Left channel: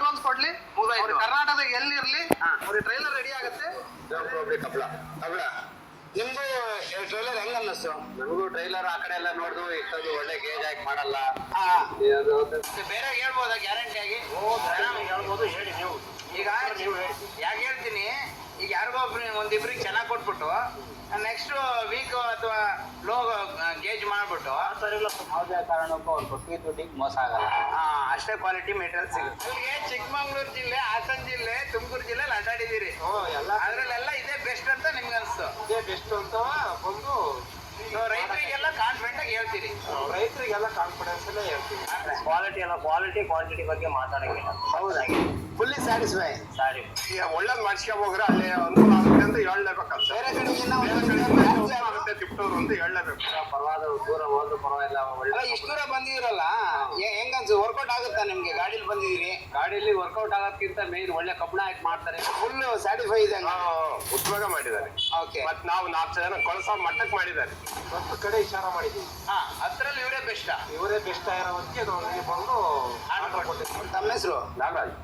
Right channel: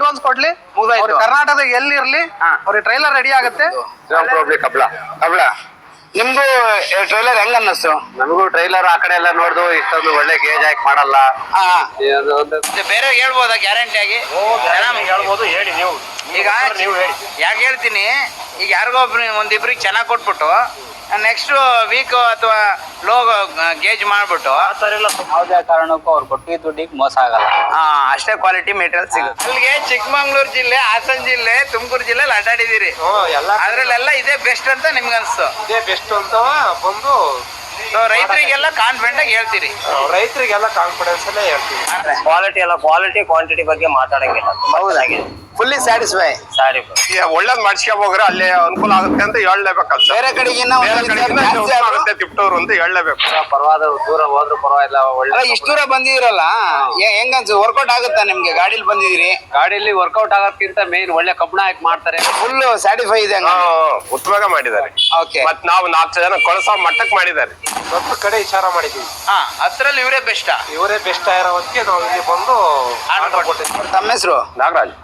Advance ಕೊಡ್ಲಿ, ಕರ್ನಾಟಕದಾಗ ಎಲ್ಲಿರ್ಲಿ ಅವ್ರಿಗೆ ಟ್ರೈಲರ್ ರೆಡಿ ಆಗುತ್ತೆ. ನಿಮ್ಗೂ ಟ್ರೈಲರ್ ಹೆಂಗ ಅನ್ನಿಸ್ತು? ನಮಗೂ ಟ್ರೈಲರ್ ಆ ಕಡೆ ಎಲ್ಲ ನೋಡ್ದು ಇಷ್ಟೊಂದು ಒಳ್ಳೆ ಗೇಜ್ ಹಾಕಿ ಮಾಡಲ್ಲ. ಬೇರೆ ಹೇಳ್ಬೋದಾ ಗ್ಯಾರಂಟಿ ಆಗಿ? ಹೇಳ್ಬೋದು, ಹೇಳಿ ನೀವು. ಈಗ ಯಾಕೆ ಹೇಳ್ತೀನಿ, ಈಗ ಯಾರಿಗೋ ಒಂದಿಬ್ರಿಗೆ ಚೆನ್ನಾಗಿ ಕೊಟ್ಬಿಟ್ಟು ನೆಕ್ಸ್ಟ್ ವೀಕ್ ಅಥವಾ ಲೋ ಗೇಜ್ ಮಾಡ್ಬಿಟ್ಟು ಯಾವುದೇ ಕಾರಣಕ್ಕೂ ಅವ್ರು ಕೊಟ್ಟು ದುಡ್ಡಿಗೆ ಮೋಸ ಆಗಲ್ಲ. ಅಷ್ಟೇ ಕ್ವಾಲಿಟಿ ಮೆಟೀರಿಯಲ್ ಸಿಗುತ್ತೆ. ಅಲ್ಲಿಗೆ ಚಿಕ್ಕಮಂಗ್ಳೂರು ಜಿಲ್ಲೆ, ಹಾಸನ ಜಿಲ್ಲೆ, ತುಮಕೂರು ಜಿಲ್ಲೆಲಿ ಅಡ್ಡಾಡಿದಿರಿ, ಅದ್ರಲ್ಲೆಲ್ಲ ಇದೇ ಬೆಸ್ಟ್ ಅಂತ ನಿಮ್ಗೆ ಅನ್ಸ್ತು? ಇದೇ ಬೆಸ್ಟ್ ಅಂತ ಬಂದು ರೈತರಿಗೆಲ್ಲ ಕಾನ್ಫಿಡೆಂಟ್ ಆಗಿ ಹೇಳ್ತೀರಿ? ರೈತರಿಗೆಲ್ಲ ಕಾನ್ಫಿಡೆನ್ಸ್ ಅಲ್ಲೇ ಹೇಳ್ತೀವಿ. ಕ್ವಾಲಿಟಿ ಎಲ್ಲ ಕ್ವಾಲಿಟಿ ಕ್ವಾಂಟಿಟಿ ಬಗ್ಗೆ ಮಾತಾಡಂಗಿಲ್ಲ. ಹೌದಾಗಿ ಫುಲ್ಲಿ ಸ್ಯಾಟಿಸ್ಫೈ. ಸಾರಿ ಒಳ್ಳೇದ್ ಮಾಡ್ಸ್ಕೊಂಡ್ ಹೋಗ್ರೆ ಅಲ್ಲಿ ಅನುಕೂಲ ಆಗುತ್ತೆ ಅಂತ ಹೇಳಲೇಬೇಕಲ್ಲ. ಬೇರೆ ಕಡೆಗಿನ್ನ ಆಗುತ್ತೆ ತಿಪ್ಟೂರು ಅಂತ ಹೇಳಲೇಬೇಕು. ಪರವಾದ ದೂರ ಹೋದ್ರು ಪರವಾಗಿಲ್ಲ. ಒಳ್ಳೆ ಇಷ್ಟು ದೂರ ಬಂದಿರಲ್ಲ, ಹೆಂಗನ್ಸು? ವರ್ಕೌಟ್ ಆಗುತ್ತಾ ನಿಮ್ಗೆ? ಗಾಡಿಲಿ ಬಂದಿದ್ದೀರಿ, ಗಾಡಿಯಲ್ಲಿ ವರ್ಕೌಟ್ ಆಗೋದ್ಕಿಂತ ಮೇನ್ ಒಳ್ಳೆ ಕಬ್ಬಣ ಹಾಕಿ ಮಾಡ್ತಾರೆ. ಫುಲ್ ಸ್ಯಾಟಿಸ್ಫೈ ಇದೆ. ಉತ್ತಮವಾಗಿ ಮಾಡಿದ್ದಾರೆ. ಓಕೆ, ಮತ್ ನಾವು 4 ಜನ ಕಳಸೋ ಮಟ್ಟಕ್ಕೆ ಮಾಡಿದ್ದಾರೆ. 10 ಕಡೆ ವಿಚಾರ ಮಾಡಿದ್ದೀವಿ. ಅದ್ರಲ್ಲಿ ಇವರೇ ಬೆಸ್ಟ್. ಇವರೇ ಬೆಸ್ಟ್ ಆಗಿರೋ ಹೊತ್ತಿಗೆ ನಾವು ಇಲ್ಲಿ ಬಂದು ಆರ್ಡರ್ ಕೊಟ್ಟಿದ್ದೀವಿ. ತಮ್ಮ ಹೆಸರು? ನಾಗರಾಜ್.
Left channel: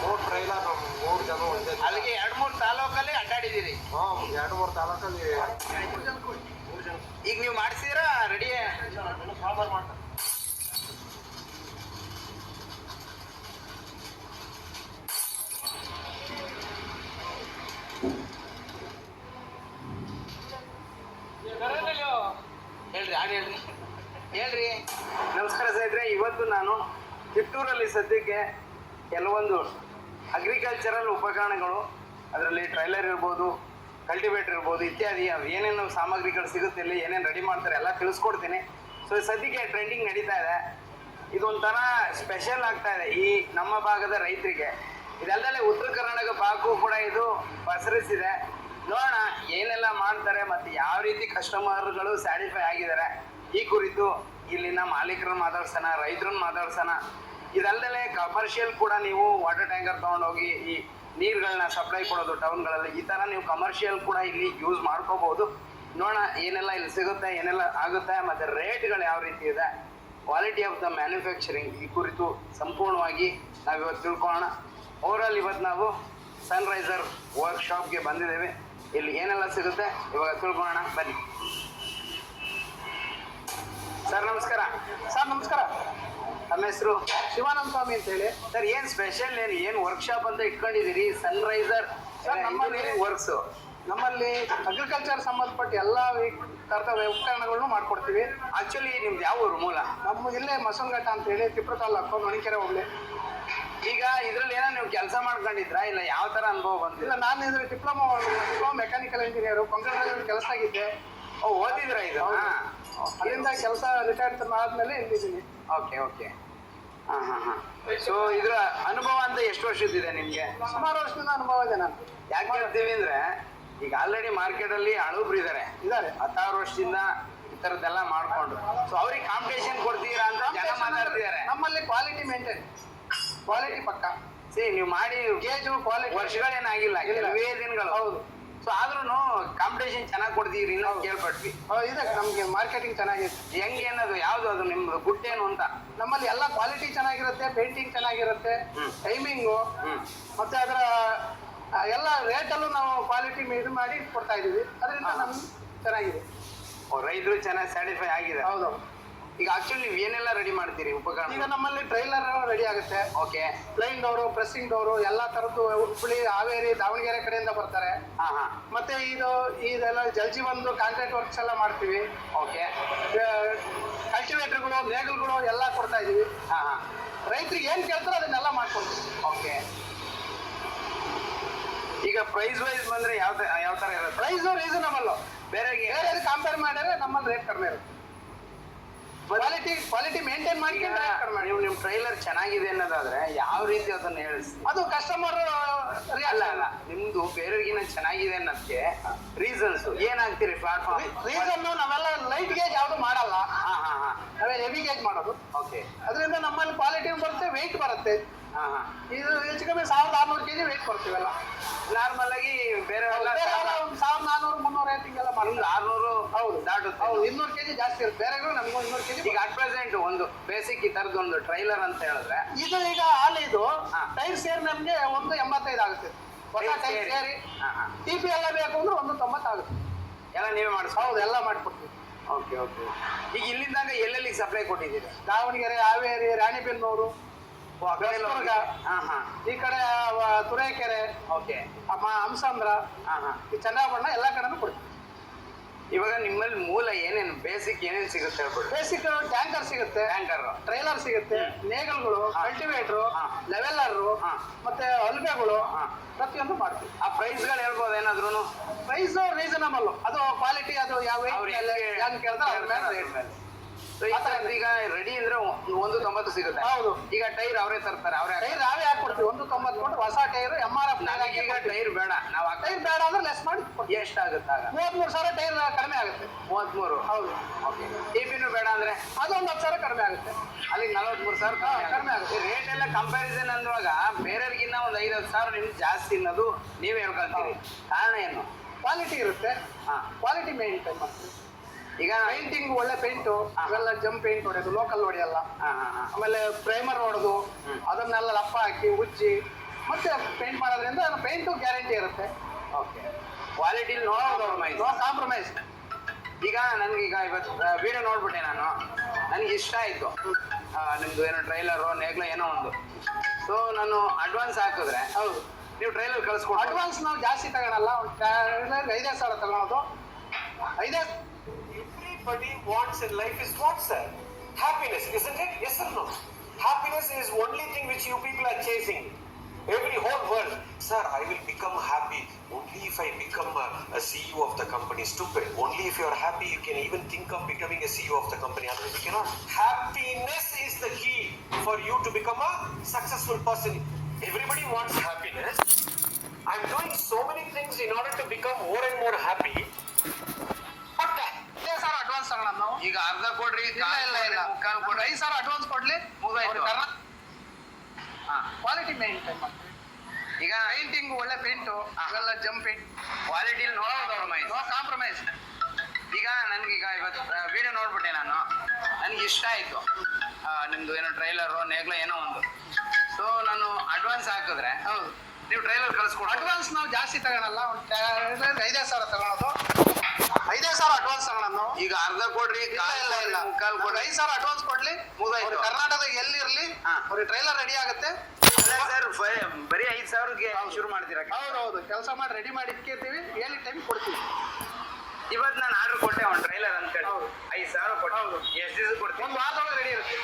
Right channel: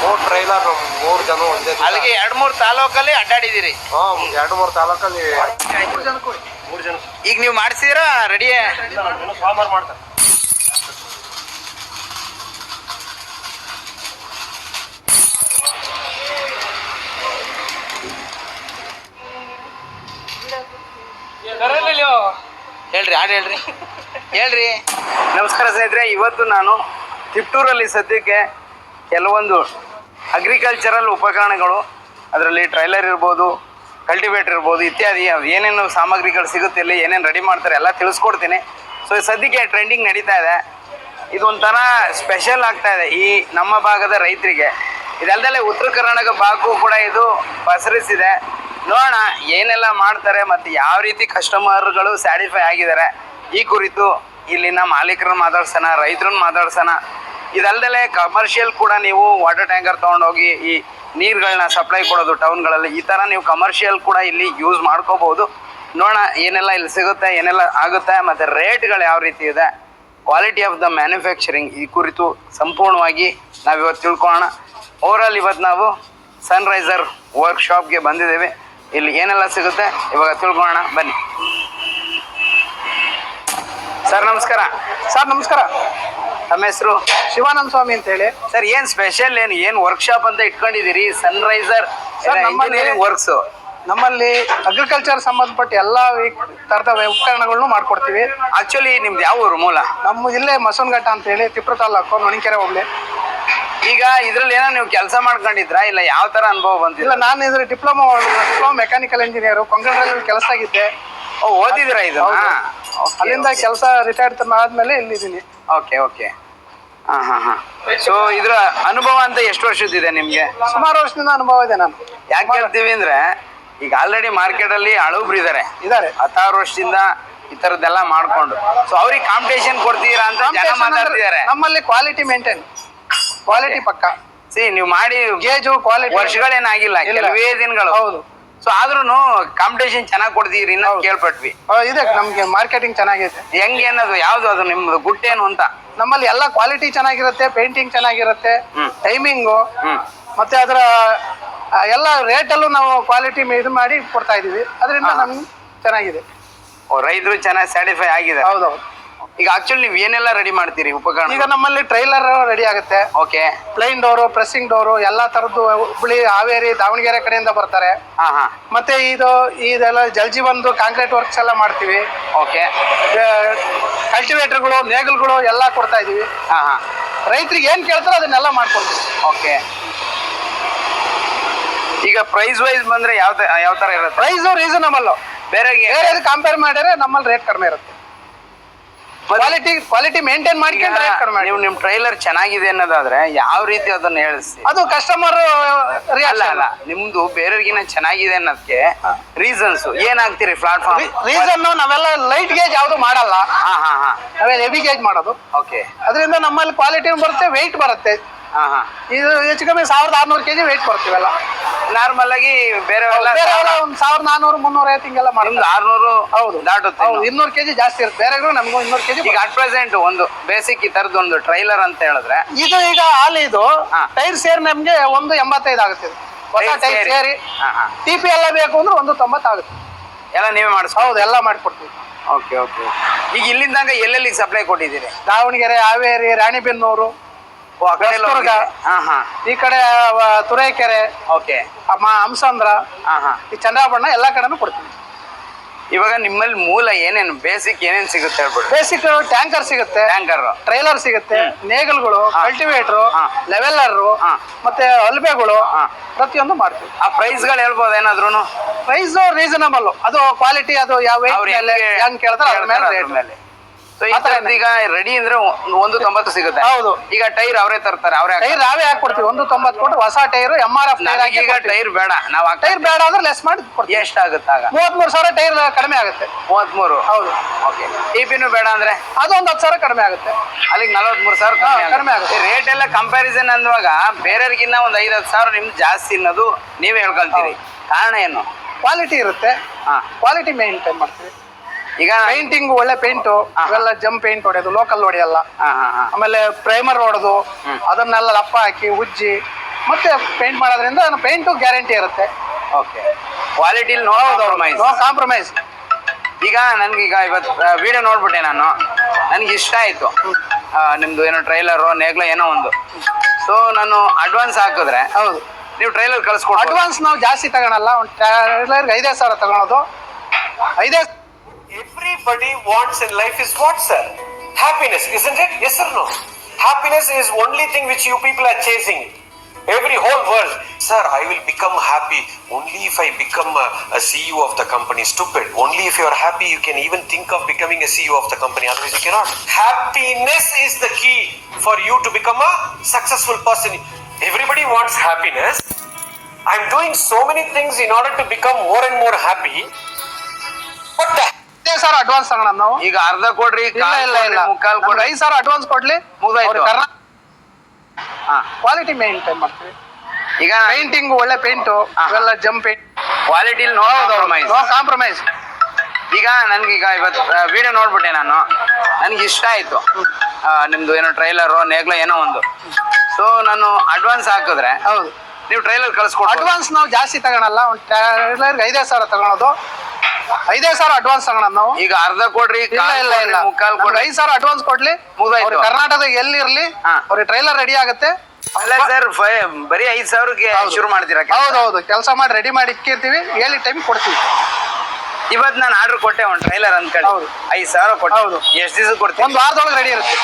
3 ಟ್ರೈಲರ್ 3 ಜನ ಒಂದೇ. ಅಲ್ಲಿಗೆ 2-3 ತಾಲೂಕಲ್ಲಿ ಅಡ್ಡಾಡಿದಿರಿ? 2-3 ತಾಲೂಕಲ್ಲಿ 3 ಜನ. ಈಗ ನೀವು ಮಾಡಿಸಿದಿರಾ? ರೆಡಿ ಫಾರ್ಮರ್ ಮಾಡ್ತಾರೆ. ಹೇಳ್ರಿ, ಹಾಡು ಹೇಳ್ರಿ. ಹೇಳ್ರಿ. ನಮಸ್ಕಾರ ಸ್ನೇಹಿತರೆ, ಇವತ್ತು ನಾನು ತಿಪ್ಟೂರಲ್ಲಿ ಸದ್ಯಕ್ಕೆ ಕೆಲವೊಂದು ಅಗ್ರಿಕಲ್ಚರಲ್ ಉಪಕರಣಗಳು, ಅದರಲ್ಲಿ ಟ್ರೈಲರ್ ಇರ್ಬೋದು, ಕಲ್ಟಿವೇಟರ್ ಇರ್ಬೋದು, ಇತ್ಯಾದಿ ಏನೇನು ಸಾಮಗ್ರಿಗಳು ಸಿಗುತ್ತೆ, ಇಲ್ಲಿ ಏನೇನು ರೆಡಿ ಮಾಡ್ತಾರೆ ಎಲ್ಲ ತಿಳಿಸ್ಕೊಡ್ತೀನಿ. ಸೊ ಸದ್ಯಕ್ಕೆ ಟ್ರೆಂಡಿಂಗ್ ನಡೀತಾ ಇದೆ. ಇದೊಂಥರ ಸ್ಪೆಷಲ್ ಆಗ್ತಾ ಇದೆ ಈ ನಮ್ಮ ಭಾಗದ ರೈತರಿಗೆ. ಇದಲ್ಲದೆ ಉತ್ತರ ಕರ್ನಾಟಕ ಭಾಗಕ್ಕೂ ಕೂಡ ಇದು ಪಸರಿಸಿದೆ. ನೋಡೋಣ ಏನೆಲ್ಲ ಮಾಡ್ತಾರೆ ಮತ್ತು ಯಾವ ರೀತಿ ಕಸ್ಟಮರ್ಗಳು ಸ್ಯಾಟಿಸ್ಫೈ ಆಗಿದ್ದಾರೆ. ಈ ಕುರಿತು ಇಲ್ಲಿನ ಮಾಲೀಕರನ್ನ ಮಾತಾಡ್ಸೋಣ, ರೈತರನ್ನ ಮಾತಾಡ್ಸೋಣ. ಇದಲ್ಲದೆ ಕಮರ್ಷಿಯಲ್ ಕೂಡ ನೀವು ವಾಟರ್ ಟ್ಯಾಂಕರ್ ತೊಗೊಂಡೋಗಿ ಈ ನೀರುಗಳನ್ನ ಸಪ್ಲೈ ಕೊಡೋದು ಟೌನ್ಗಳಲ್ಲಿ, ಈ ಥರ ನೀವು ಕಮರ್ಷಿಯಲ್ ಕೂಡ ಇಲ್ಲಿ ಯೂಸ್ ಮಾಡ್ಕೋಬೋದು. ನೋಡೋಣ ಏನೆಲ್ಲ ಇಲ್ಲಿ ಸಿಗುತ್ತೆ, ಏನೆಲ್ಲ ಆಗುತ್ತೆ, ಮತ್ತು ರೇಟ್ಗಳು ಯಾವ ರೀತಿ ಇದೆ, ಕ್ವಾಲಿಟಿ ಆಫ್ ದ ಮ್ಯಾನುಫ್ಯಾಕ್ಚರಿಂಗ್, ಈ ಕುರಿತು ಸಂಪೂರ್ಣವಾಗಿ ನಾವಿವತ್ತು ತಿಳ್ಕೊಳ್ಳೋಣ. ಓವರಾಲ್ ಇವತ್ತು ನಾವು ಸನ್ರೈಸರ್ ವರ್ಕ್ಶಾಪ್ಗೆ ಬಂದಿದ್ದೇವೆ. ಇಲ್ಲಿ ಏನೆಲ್ಲ ಸಿಗುತ್ತೆ ಇವಾಗ ತಿಳ್ಕೊಳ್ಳೋಣ, ಬನ್ನಿ. ಸರ್ ನಮಸ್ಕಾರ. ಸರ್ ನಮಸ್ಕಾರ. ತಮ್ಮ ಹೆಸರು? ಶಿವಾನಂದ ಸ್ವಾಮಿ ಅಂತ ಹೇಳಿ. ಸರ್ ಏನು ಸ್ಪೆಷಲ್, ಏನು ವರ್ಕ್ಶಾಪ್ ಅಂತ ಇಟ್ಕೊಂಡಿದ್ದೀರಿ? ಸನ್ರೈಸರ್ ವರ್ಕ್ಸು ನಮ್ಮಲ್ಲಿ ಅಗ್ರಿಕಲ್ಚರ್ ಸಂಬಂಧಪಟ್ಟ ಎಲ್ಲ ಥರದ ಉಪಕರಣಗಳನ್ನು ಮಾಡ್ಕೊಡ್ತೀವಿ. ಆಕ್ಚುಲಿ ನಿಮ್ದು ಯಾವ ಊರು ಮೂಲ? ನಮ್ಮ ಇಲ್ಲೇ ಮಸೂನ್ಘಟ್ಟ ಅಂತ ಹೇಳಿ, ತಿಪ್ಟೂರು ತಾಲೂಕು, ಹೊಣಕೆರೆ ಹೋಗ್ಲಿ. ಈಗ ಇದ್ರಲ್ಲಿ ಏನೋ ನೀವು ಕೆಲಸ ಮಾಡ್ಕೊಂಡಿದ್ರಾ, ಇಲ್ಲ ಯಾವ ತರ ಅನುಭವ ಬಂತಿಲ್ಲ? ಇಲ್ಲ, ನಾನು ಇದ್ರ ಡಿಪ್ಲೊಮಾ ಮೆಕ್ಯಾನಿಕಲ್ ಇಂಜಿನಿಯರು, ಕೊಂಕಣದಲ್ಲಿ ಕೆಲಸ ಆಗಿದ್ದೆ. ಓದಿದಿರಾ ಇದು? ಅಲ್ಲಿಂದ ಕೆಲಸ ರಿಟೈರ್ಡ್ ಆದ್ಮೇಲೆ ಇಲ್ಲಿದ್ದೀನಿ. Okay okay. ಹಾಂ. ಸೊ ಇದ್ರ ಅನುಭವ ಅಂತ ಎಷ್ಟು ವರ್ಷದಿದೆ ನಿಮ್ಗೆ? ಸುಮಾರು ವರ್ಷದಿಂದ ಅನುಭವ ಇದೆ. ನಾನು ಯಾಕೆ ಹೇಳ್ತೀವಿ ಅಂದ್ರೆ, ಈಗ ಆಲ್ರೆಡಿ ಮಾರ್ಕೆಟ್ ಅಲ್ಲಿ ಹಳಬ್ರು ಇದಾರೆ 16 ವರ್ಷದಿಂದ ಈ ತರದ್ದೆಲ್ಲ ಮಾಡ್ಕೊಂಡು. ಸೊ ಅವ್ರಿಗೆ ಕಾಂಪಿಟೇಷನ್ ಕೊಡ್ತೀರಾ ಅಂತ ಜನ ಮಾತಾಡ್ತಿದ್ದಾರೆ. ನಮ್ಮಲ್ಲಿ ಕ್ವಾಲಿಟಿ ಮೇಂಟೈನ್, ಕ್ವಾಲಿಟಿ ಪಕ್ಕ. ನೀವು ಮಾಡಿ ಗೇಜು ಕ್ವಾಲಿಟಿ ವರ್ಷಗಳೇನಾಗಿಲ್ಲ, ಕೆಲವೇ ದಿನಗಳು. ಹೌದು. ಸೊ ಆದ್ರೂ ಕಾಂಪಿಟೇಷನ್ ಚೆನ್ನಾಗಿ ಕೊಡ್ತೀರಿ ನಾವು ಕೇಳ್ಪಟ್ವಿ. ಇದೆ, ನಮ್ಗೆ ಮಾರ್ಕೆಟಿಂಗ್ ಚೆನ್ನಾಗಿದೆ. ಹೆಂಗೆ ಅನ್ನೋದು ಯಾವ್ದು, ಅದು ನಿಮ್ದು ಗುಟ್ಟೇನು ಅಂತ? ನಮ್ಮಲ್ಲಿ ಎಲ್ಲ ಕ್ವಾಲಿಟಿ ಚೆನ್ನಾಗಿರುತ್ತೆ, ಪೇಂಟಿಂಗ್ ಚೆನ್ನಾಗಿರುತ್ತೆ, ಟೈಮಿಂಗು, ಮತ್ತೆ ಅದರ ಎಲ್ಲ ರೇಟಲ್ಲೂ ನಾವು ಕ್ವಾಲಿಟಿ ಇದು ಮಾಡಿ ಕೊಡ್ತಾ ಇದೀವಿ. ಅದರಿಂದ ನಮ್ಗೆ ಚೆನ್ನಾಗಿದೆ. ರೈತರು ಚೆನ್ನಾಗಿ ಸ್ಯಾಟಿಸ್ಫೈ ಆಗಿದೆ. ಹೌದೌದು. ಈಗ ಆಕ್ಚುಲಿ ನೀವು ಏನೆಲ್ಲ ರೆಡಿ ಮಾಡ್ತೀರಿ ಉಪಕರಣ? ಈಗ ನಮ್ಮಲ್ಲಿ ಟ್ರೈಲರ್ ರೆಡಿ ಆಗುತ್ತೆ. Okay. Plain door, pressing door, ಎಲ್ಲಾ ತರದ್ದು ಹುಬ್ಬಳ್ಳಿ, ಹಾವೇರಿ, ದಾವಣಗೆರೆ ಕಡೆಯಿಂದ ಬರ್ತಾರೆ. ಮತ್ತೆ ಇದೆಲ್ಲ ಜಲ್ಜೀವನ್ದು ಕಾಂಕ್ರೀಟ್ ವರ್ಕ್ಸ್ ಎಲ್ಲ ಮಾಡ್ತೀವಿ. ಓಕೆ. ಕಲ್ಟಿವೇಟರ್ಗಳು, ನೇಗಲ್ಗಳು ಎಲ್ಲ ಕೊಡ್ತಾ ಇದೀವಿ. ರೈತರಿಗೆ ಏನ್ ಕೇಳ್ತಾರೋ ಅದನ್ನೆಲ್ಲ ಮಾಡ್ಕೊಡ್ತೀವಿ. ಓಕೆ. ಈಗ ಪ್ರೈಸ್ ವೈಸ್ ಬಂದ್ರೆ ಯಾವ ತರ ಇರುತ್ತೆ? Price reasonable. ಬೇರೆ ಕಂಪೇರ್ ಮಾಡಿದ್ರೆ ನಮ್ಮಲ್ಲಿ ರೇಟ್ ಕಡಿಮೆ ಇರುತ್ತೆ. ಕ್ವಾಲಿಟಿ ಮೇಂಟೈನ್ ಮಾಡ್ಕೊಂಡು ರೇಟ್ ಕಡಿಮೆ. ನೀವು ನಿಮ್ ಟ್ರೈಲರ್ ಚೆನ್ನಾಗಿದೆ ಅನ್ನೋದಾದ್ರೆ ಯಾವ ರೀತಿ ಅದನ್ನ ಹೇಳಿಸಿ? ಅದು ಕಸ್ಟಮರ್ ಅಲ್ಲ, ನಿಮ್ದು ಬೇರೆಯವ್ರಿಗಿನ ಚೆನ್ನಾಗಿದೆ ಅನ್ನೋದಕ್ಕೆ ರೀಸನ್ಸ್ ಏನಾಗ್ತೀರಿ? ಪ್ಲಾಟ್ಫಾರ್ಮ್ ರೀಸನ್ ನಾವೆಲ್ಲ ಲೈಟ್ ಗೇಜ್ ಯಾವ್ದು ಮಾಡಲ್ಲ. ನಾವೇ ಹೆವಿ ಗೇಜ್ ಮಾಡೋದು. ಓಕೆ. ಅದರಿಂದ ನಮ್ಮಲ್ಲಿ ಕ್ವಾಲಿಟಿ ಬರುತ್ತೆ, ವೆಯ್ಟ್ ಬರುತ್ತೆ. ಹಾ ಹಾ ಇದು ಹೆಚ್ಚು ಕಮ್ಮಿ 1600 kg ವೆಯ್ಟ್ ಬರ್ತೀವಲ್ಲ. ನಾರ್ಮಲ್ ಆಗಿ ಬೇರೆ ಬೇರೆ ಒಂದು 1400 350 ಹಿಂಗೆಲ್ಲ ನಿಮ್ದು ಮಾಡ್ತಾರೆ. 600 ಹೌದು ದಾಟುತ್ತೆ ಹೌದು 200 kg ಜಾಸ್ತಿ ಇರುತ್ತೆ. ಬೇರೆಗಳು ನಮ್ಗೂ 200 kg. ಈಗ ಅಟ್ ಪ್ರೆಸೆಂಟ್ ಒಂದು ಬೇಸಿಕ್ ಈ ತರದ್ದು ಒಂದು ಟ್ರೈಲರ್ ಅಂತ ಹೇಳಿದ್ರೆ ಇದು ಈಗ ಹಾಲಿ ಇದು ಹಾ. ಟೈರ್ ಸೇರಿ ನಮ್ಗೆ 185 ಆಗುತ್ತೆ ಇದು. ಹೊಸ ಟೈರ್ ಟೈರ್ ಸೇರಿ? ಸೇರಿ ಹಾ, ಹಾ. TP ಎಲ್ಲ ಬೇಕು ಅಂದ್ರೆ 190 ಆಗುತ್ತೆ. ಎಲ್ಲ ನೀವೇ ಮಾಡಿಸ್ಬೋದು. ಹೌದು ಎಲ್ಲ ಮಾಡ್ಕೊಡ್ತೀವಿ. Okay okay. ಈಗ ಇಲ್ಲಿಂದಾಗ ಎಲ್ಲೆಲ್ಲಿ ಸಪ್ಲೈ ಕೊಟ್ಟಿದ್ದೀರಿ? ದಾವಣಗೆರೆ, ಹಾವೇರಿ, ರಾಣಿಬೆನ್ನೂರು, ಓ, ಆ ಕಡೆ ಎಲ್ಲ ಹೊಸದುರ್ಗ. ಹೋಗಿದೆ. ಹಾ ಹಾ ಈ ಕಡೆ ತುರೇಕೆರೆ, ಓಕೆ. ಹಂಸಂದ್ರ, ಹಾ ಹಾ ಈ ಚಂದ್ರಾಪಟ್ಟಣ ಎಲ್ಲ ಕಡೆನೂ ಕೊಡ್ತೀವಿ. ಇವಾಗ ನಿಮ್ಮಲ್ಲಿ ಮೂಲ ಏನೇನು ಬೇಸಿಕ್ ಏನೇನು ಸಿಗುತ್ತೆ ಹೇಳ್ಬಿಡಿ. ಬೇಸಿಕ್ ಟ್ಯಾಂಕರ್ ಸಿಗುತ್ತೆ, ಟ್ಯಾಂಕರ್, ಟ್ರೈಲರ್ ಸಿಗುತ್ತೆ, ನೇಗಲ್ಗಳು, ಕಲ್ಟಿವೇಟರ್, ಹಾ. ಲೆವೆಲ್ಲರ್, ಹಾ. ಮತ್ತೆ ಅಲ್ಬೆಗಳು, ಹಾ. ಪ್ರತಿಯೊಂದು ಮಾಡ್ತೀವಿ. ಆ ಪ್ರೈಸ್ಗಳು ಹೇಳ್ಬೋದು ಏನಾದ್ರು? ಪ್ರೈಸ್ ರೀಸನಬಲ್, ಅದು ಕ್ವಾಲಿಟಿ, ಅದು ಯಾವ ಅವ್ರು weight ಮೇಲೆ ಹೆಂಗ್ ಕೇಳ್ತಾರೆ ಅದ್ರ ಮೇಲೆ ರೇಟ್. ಮೇಲೆ. ಸೊ ಈ ಥರದ್ದು ಈಗ ರೆಡಿ ಅಂದ್ರೆ 190 ಸಿಗುತ್ತೆ. ಹೌದು. ಈಗ ಟೈರ್ ಅವರೇ ತರ್ತಾರೆ, ಅವರೇ ಟೈರ್ ನಾವೇ ಹಾಕೊಡ್ತೀವಿ. 190 ಕೊಟ್ಟು ಹೊಸ ಟೈರ್ MRF ಟೈರ್ ಹಾಕಿ. ಈಗ ಟೈರ್ ಬೇಡ, ನಾವು ಟೈರ್ ಬೇಡ ಅಂದ್ರೆ ಲೆಸ್ ಮಾಡಿ ಕೊಡ್ತೀವಿ. ಎಷ್ಟಾಗುತ್ತೆ ಆಗ? 33,000 ಟೈರ್ ಕಡಿಮೆ ಆಗುತ್ತೆ. 33. ಹೌದು. ಓಕೆ. TPನೂ ಬೇಡ ಅಂದ್ರೆ ಅದು ಒಂದು 10,000 ಕಡಿಮೆ ಆಗುತ್ತೆ. ಅಲ್ಲಿಗೆ 43,000 ಕಡಿಮೆ ಆಗುತ್ತೆ. ರೇಟ್ ಎಲ್ಲ ಕಂಪ್ಯಾರಿಸನ್ ಅಂದಾಗ ಬೇರೆಯವ್ರಿಗಿನ್ನ ಒಂದು 5,000 ನಿಮ್ದು ಜಾಸ್ತಿ ಅನ್ನೋದು ನೀವೇ ಹೇಳ್ಕೊಳ್ತೀರಿ. ಕಾರಣ ಏನು? ಕ್ವಾಲಿಟಿ ಇರುತ್ತೆ. ಹಾ. ಕ್ವಾಲಿಟಿ ಮೇಂಟೈನ್ ಮಾಡ್ತೀವಿ. ಈಗ ಪೇಂಟಿಂಗ್ ಒಳ್ಳೆ ಪೇಂಟು, ಇವೆಲ್ಲ ಜಂಪ್ ಪೇಂಟ್ ಹೊಡೆಯೋದು, ಲೋಕಲ್ ಹೊಡೆಯಲ್ಲ. ಹಾ ಹಾ ಹಾ ಆಮೇಲೆ ಪ್ರೈಮರ್ ಹೊಡೆದು ಅದನ್ನೆಲ್ಲ ಲಪ್ಪ ಹಾಕಿ ಉಜ್ಜಿ ಮತ್ತೆ ಪೇಂಟ್ ಮಾಡೋದ್ರಿಂದ ಪೇಂಟು ಗ್ಯಾರಂಟಿ ಇರುತ್ತೆ. ಓಕೆ. ಕ್ವಾಲಿಟಿಲಿ ನೋ ಕಾಂಪ್ರಮೈಸ್. ಈಗ ನನ್ಗೀಗ ಇವತ್ತು ವಿಡಿಯೋ ನೋಡ್ಬಿಟ್ಟೆ ನಾನು, ನನಗೆ ಇಷ್ಟ ಆಯಿತು. ನಿಮ್ಮದು ಏನೋ ಟ್ರೈಲರು ನೇಗ್ಲ ಏನೋ ಒಂದು. ಸೊ ನಾನು ಅಡ್ವಾನ್ಸ್ ಹಾಕಿದ್ರೆ ಹೌದು ನೀವು ಟ್ರೈಲರ್ ಕಳಿಸ್ಕೊಡಿ. ಅಡ್ವಾನ್ಸ್ ನಾವು ಜಾಸ್ತಿ ತಗೊಳಲ್ಲ. ಒಂದು ಟ್ರೈಲರ್ಗೆ 5,000 ತಗೊಳೋದು. 5,000. Everybody wants in life is what, sir? Happiness, isn't it? Yes or no? Happiness is only thing which you people are chasing. Every whole world. Sir, I will become happy only if I become a CEO of the company. Stupid. Only if you are happy you can even think of becoming a CEO of the company. Otherwise you cannot. Happiness is the key for you to become a successful person. Everybody wants happiness. I'm doing so many things in order to become more and more happy. What the 5,000 advance ತಗೋಣ ನಾವು. ಈಗ ಅರ್ಧ ಕೊಡ್ರಿ, ಇಲ್ಲ ಮುಕ್ಕಾಲ್ ಕೊಡ್ರಿ, 5,000 advance ಕೊಡ್ಲಿ. ಮುಗ್ದಾಯ್ತು. Quality maintain ಮಾಡ್ತೀವಿ. ಈಗ ಪೇಂಟಿಂಗ್ ಒಳ್ಳೆ ಪೇಂಟು, ಇವೆಲ್ಲ ಜಂಪ್ ಪೇಂಟ್. ಕ್ವಾಲಿಟಿಲಿ ನೋ ಕಾಂಪ್ರಮೈಸ್. ಈಗ ನನ್ಗೀಗ ಇವತ್ತು ವಿಡಿಯೋ ನೋಡ್ಬಿಟ್ಟೆ ನಾನು, ನನಗೆ ಇಷ್ಟ ಆಯಿತು. ನಿಮ್ಮದು ಏನೋ ಟ್ರೈಲರು ನೇಗ್ಲ ಏನೋ ಒಂದು. ಸೊ ನಾನು ಅಡ್ವಾನ್ಸ್ ಹಾಕಿದ್ರೆ ಹೌದು ನೀವು ಟ್ರೈಲರ್ ಕಳಿಸ್ಕೊಡಿ. ಅಡ್ವಾನ್ಸ್ ನಾವು ಜಾಸ್ತಿ ತಗೊಳಲ್ಲ. ಒಂದು ಟ್ರೈಲರ್ಗೆ 5,000 ತಗೊಳೋದು. 5,000 ಅಡ್ವಾನ್ಸ್ ತಗೊಳೋದು ನಾವು. ಈಗ ಅರ್ಧ ಕೊಡ್ರಿ, ಇಲ್ಲ ಮುಕ್ಕಾಲ್ ಕೊಡ್ರಿ, 5,000 ಅಡ್ವಾನ್ಸ್ ಕೊಡ್ಲಿ. ಮುಗ್ದಾಯ್ತು. ಕರ್ನಾಟಕದ ಎಲ್ಲಿರ್ಲಿ ಅವ್ರಿಗೆ ಟ್ರೈಲರ್ ರೆಡಿ ಆಗುತ್ತೆ. ಅಲ್ಲ ಸರ್, ಬರೀ 5,000ಕ್ಕೆ ಶುರು ಮಾಡ್ತೀರಾ? ಹೌದೌದು, ಕೆಲಸ ಮಾಡಿ ರೆಡಿ ಮಾಡಿ ಇಕ್ಕಿರ್ತೀವಿ, ಹೇಳಿ ಟೈಮ್ ಕೊಡ್ತೀವಿ. ಇವತ್ತು ನಾನು ಆರ್ಡರ್ ಕೊಟ್ಟೆ ಒಂದು ಟ್ರೈಲರ್ ಅನ್ಕೊಳ್ಳಿ. ಹೌದು. 5,000 ಕೊಟ್ಟೆ. ಹೌದು. ಎಷ್ಟು ದಿವಸ ಕೊಡ್ತೀನಿ? ಒಂದು ವಾರದೊಳಗೆ ರೆಡಿ ಇರುತ್ತೆ.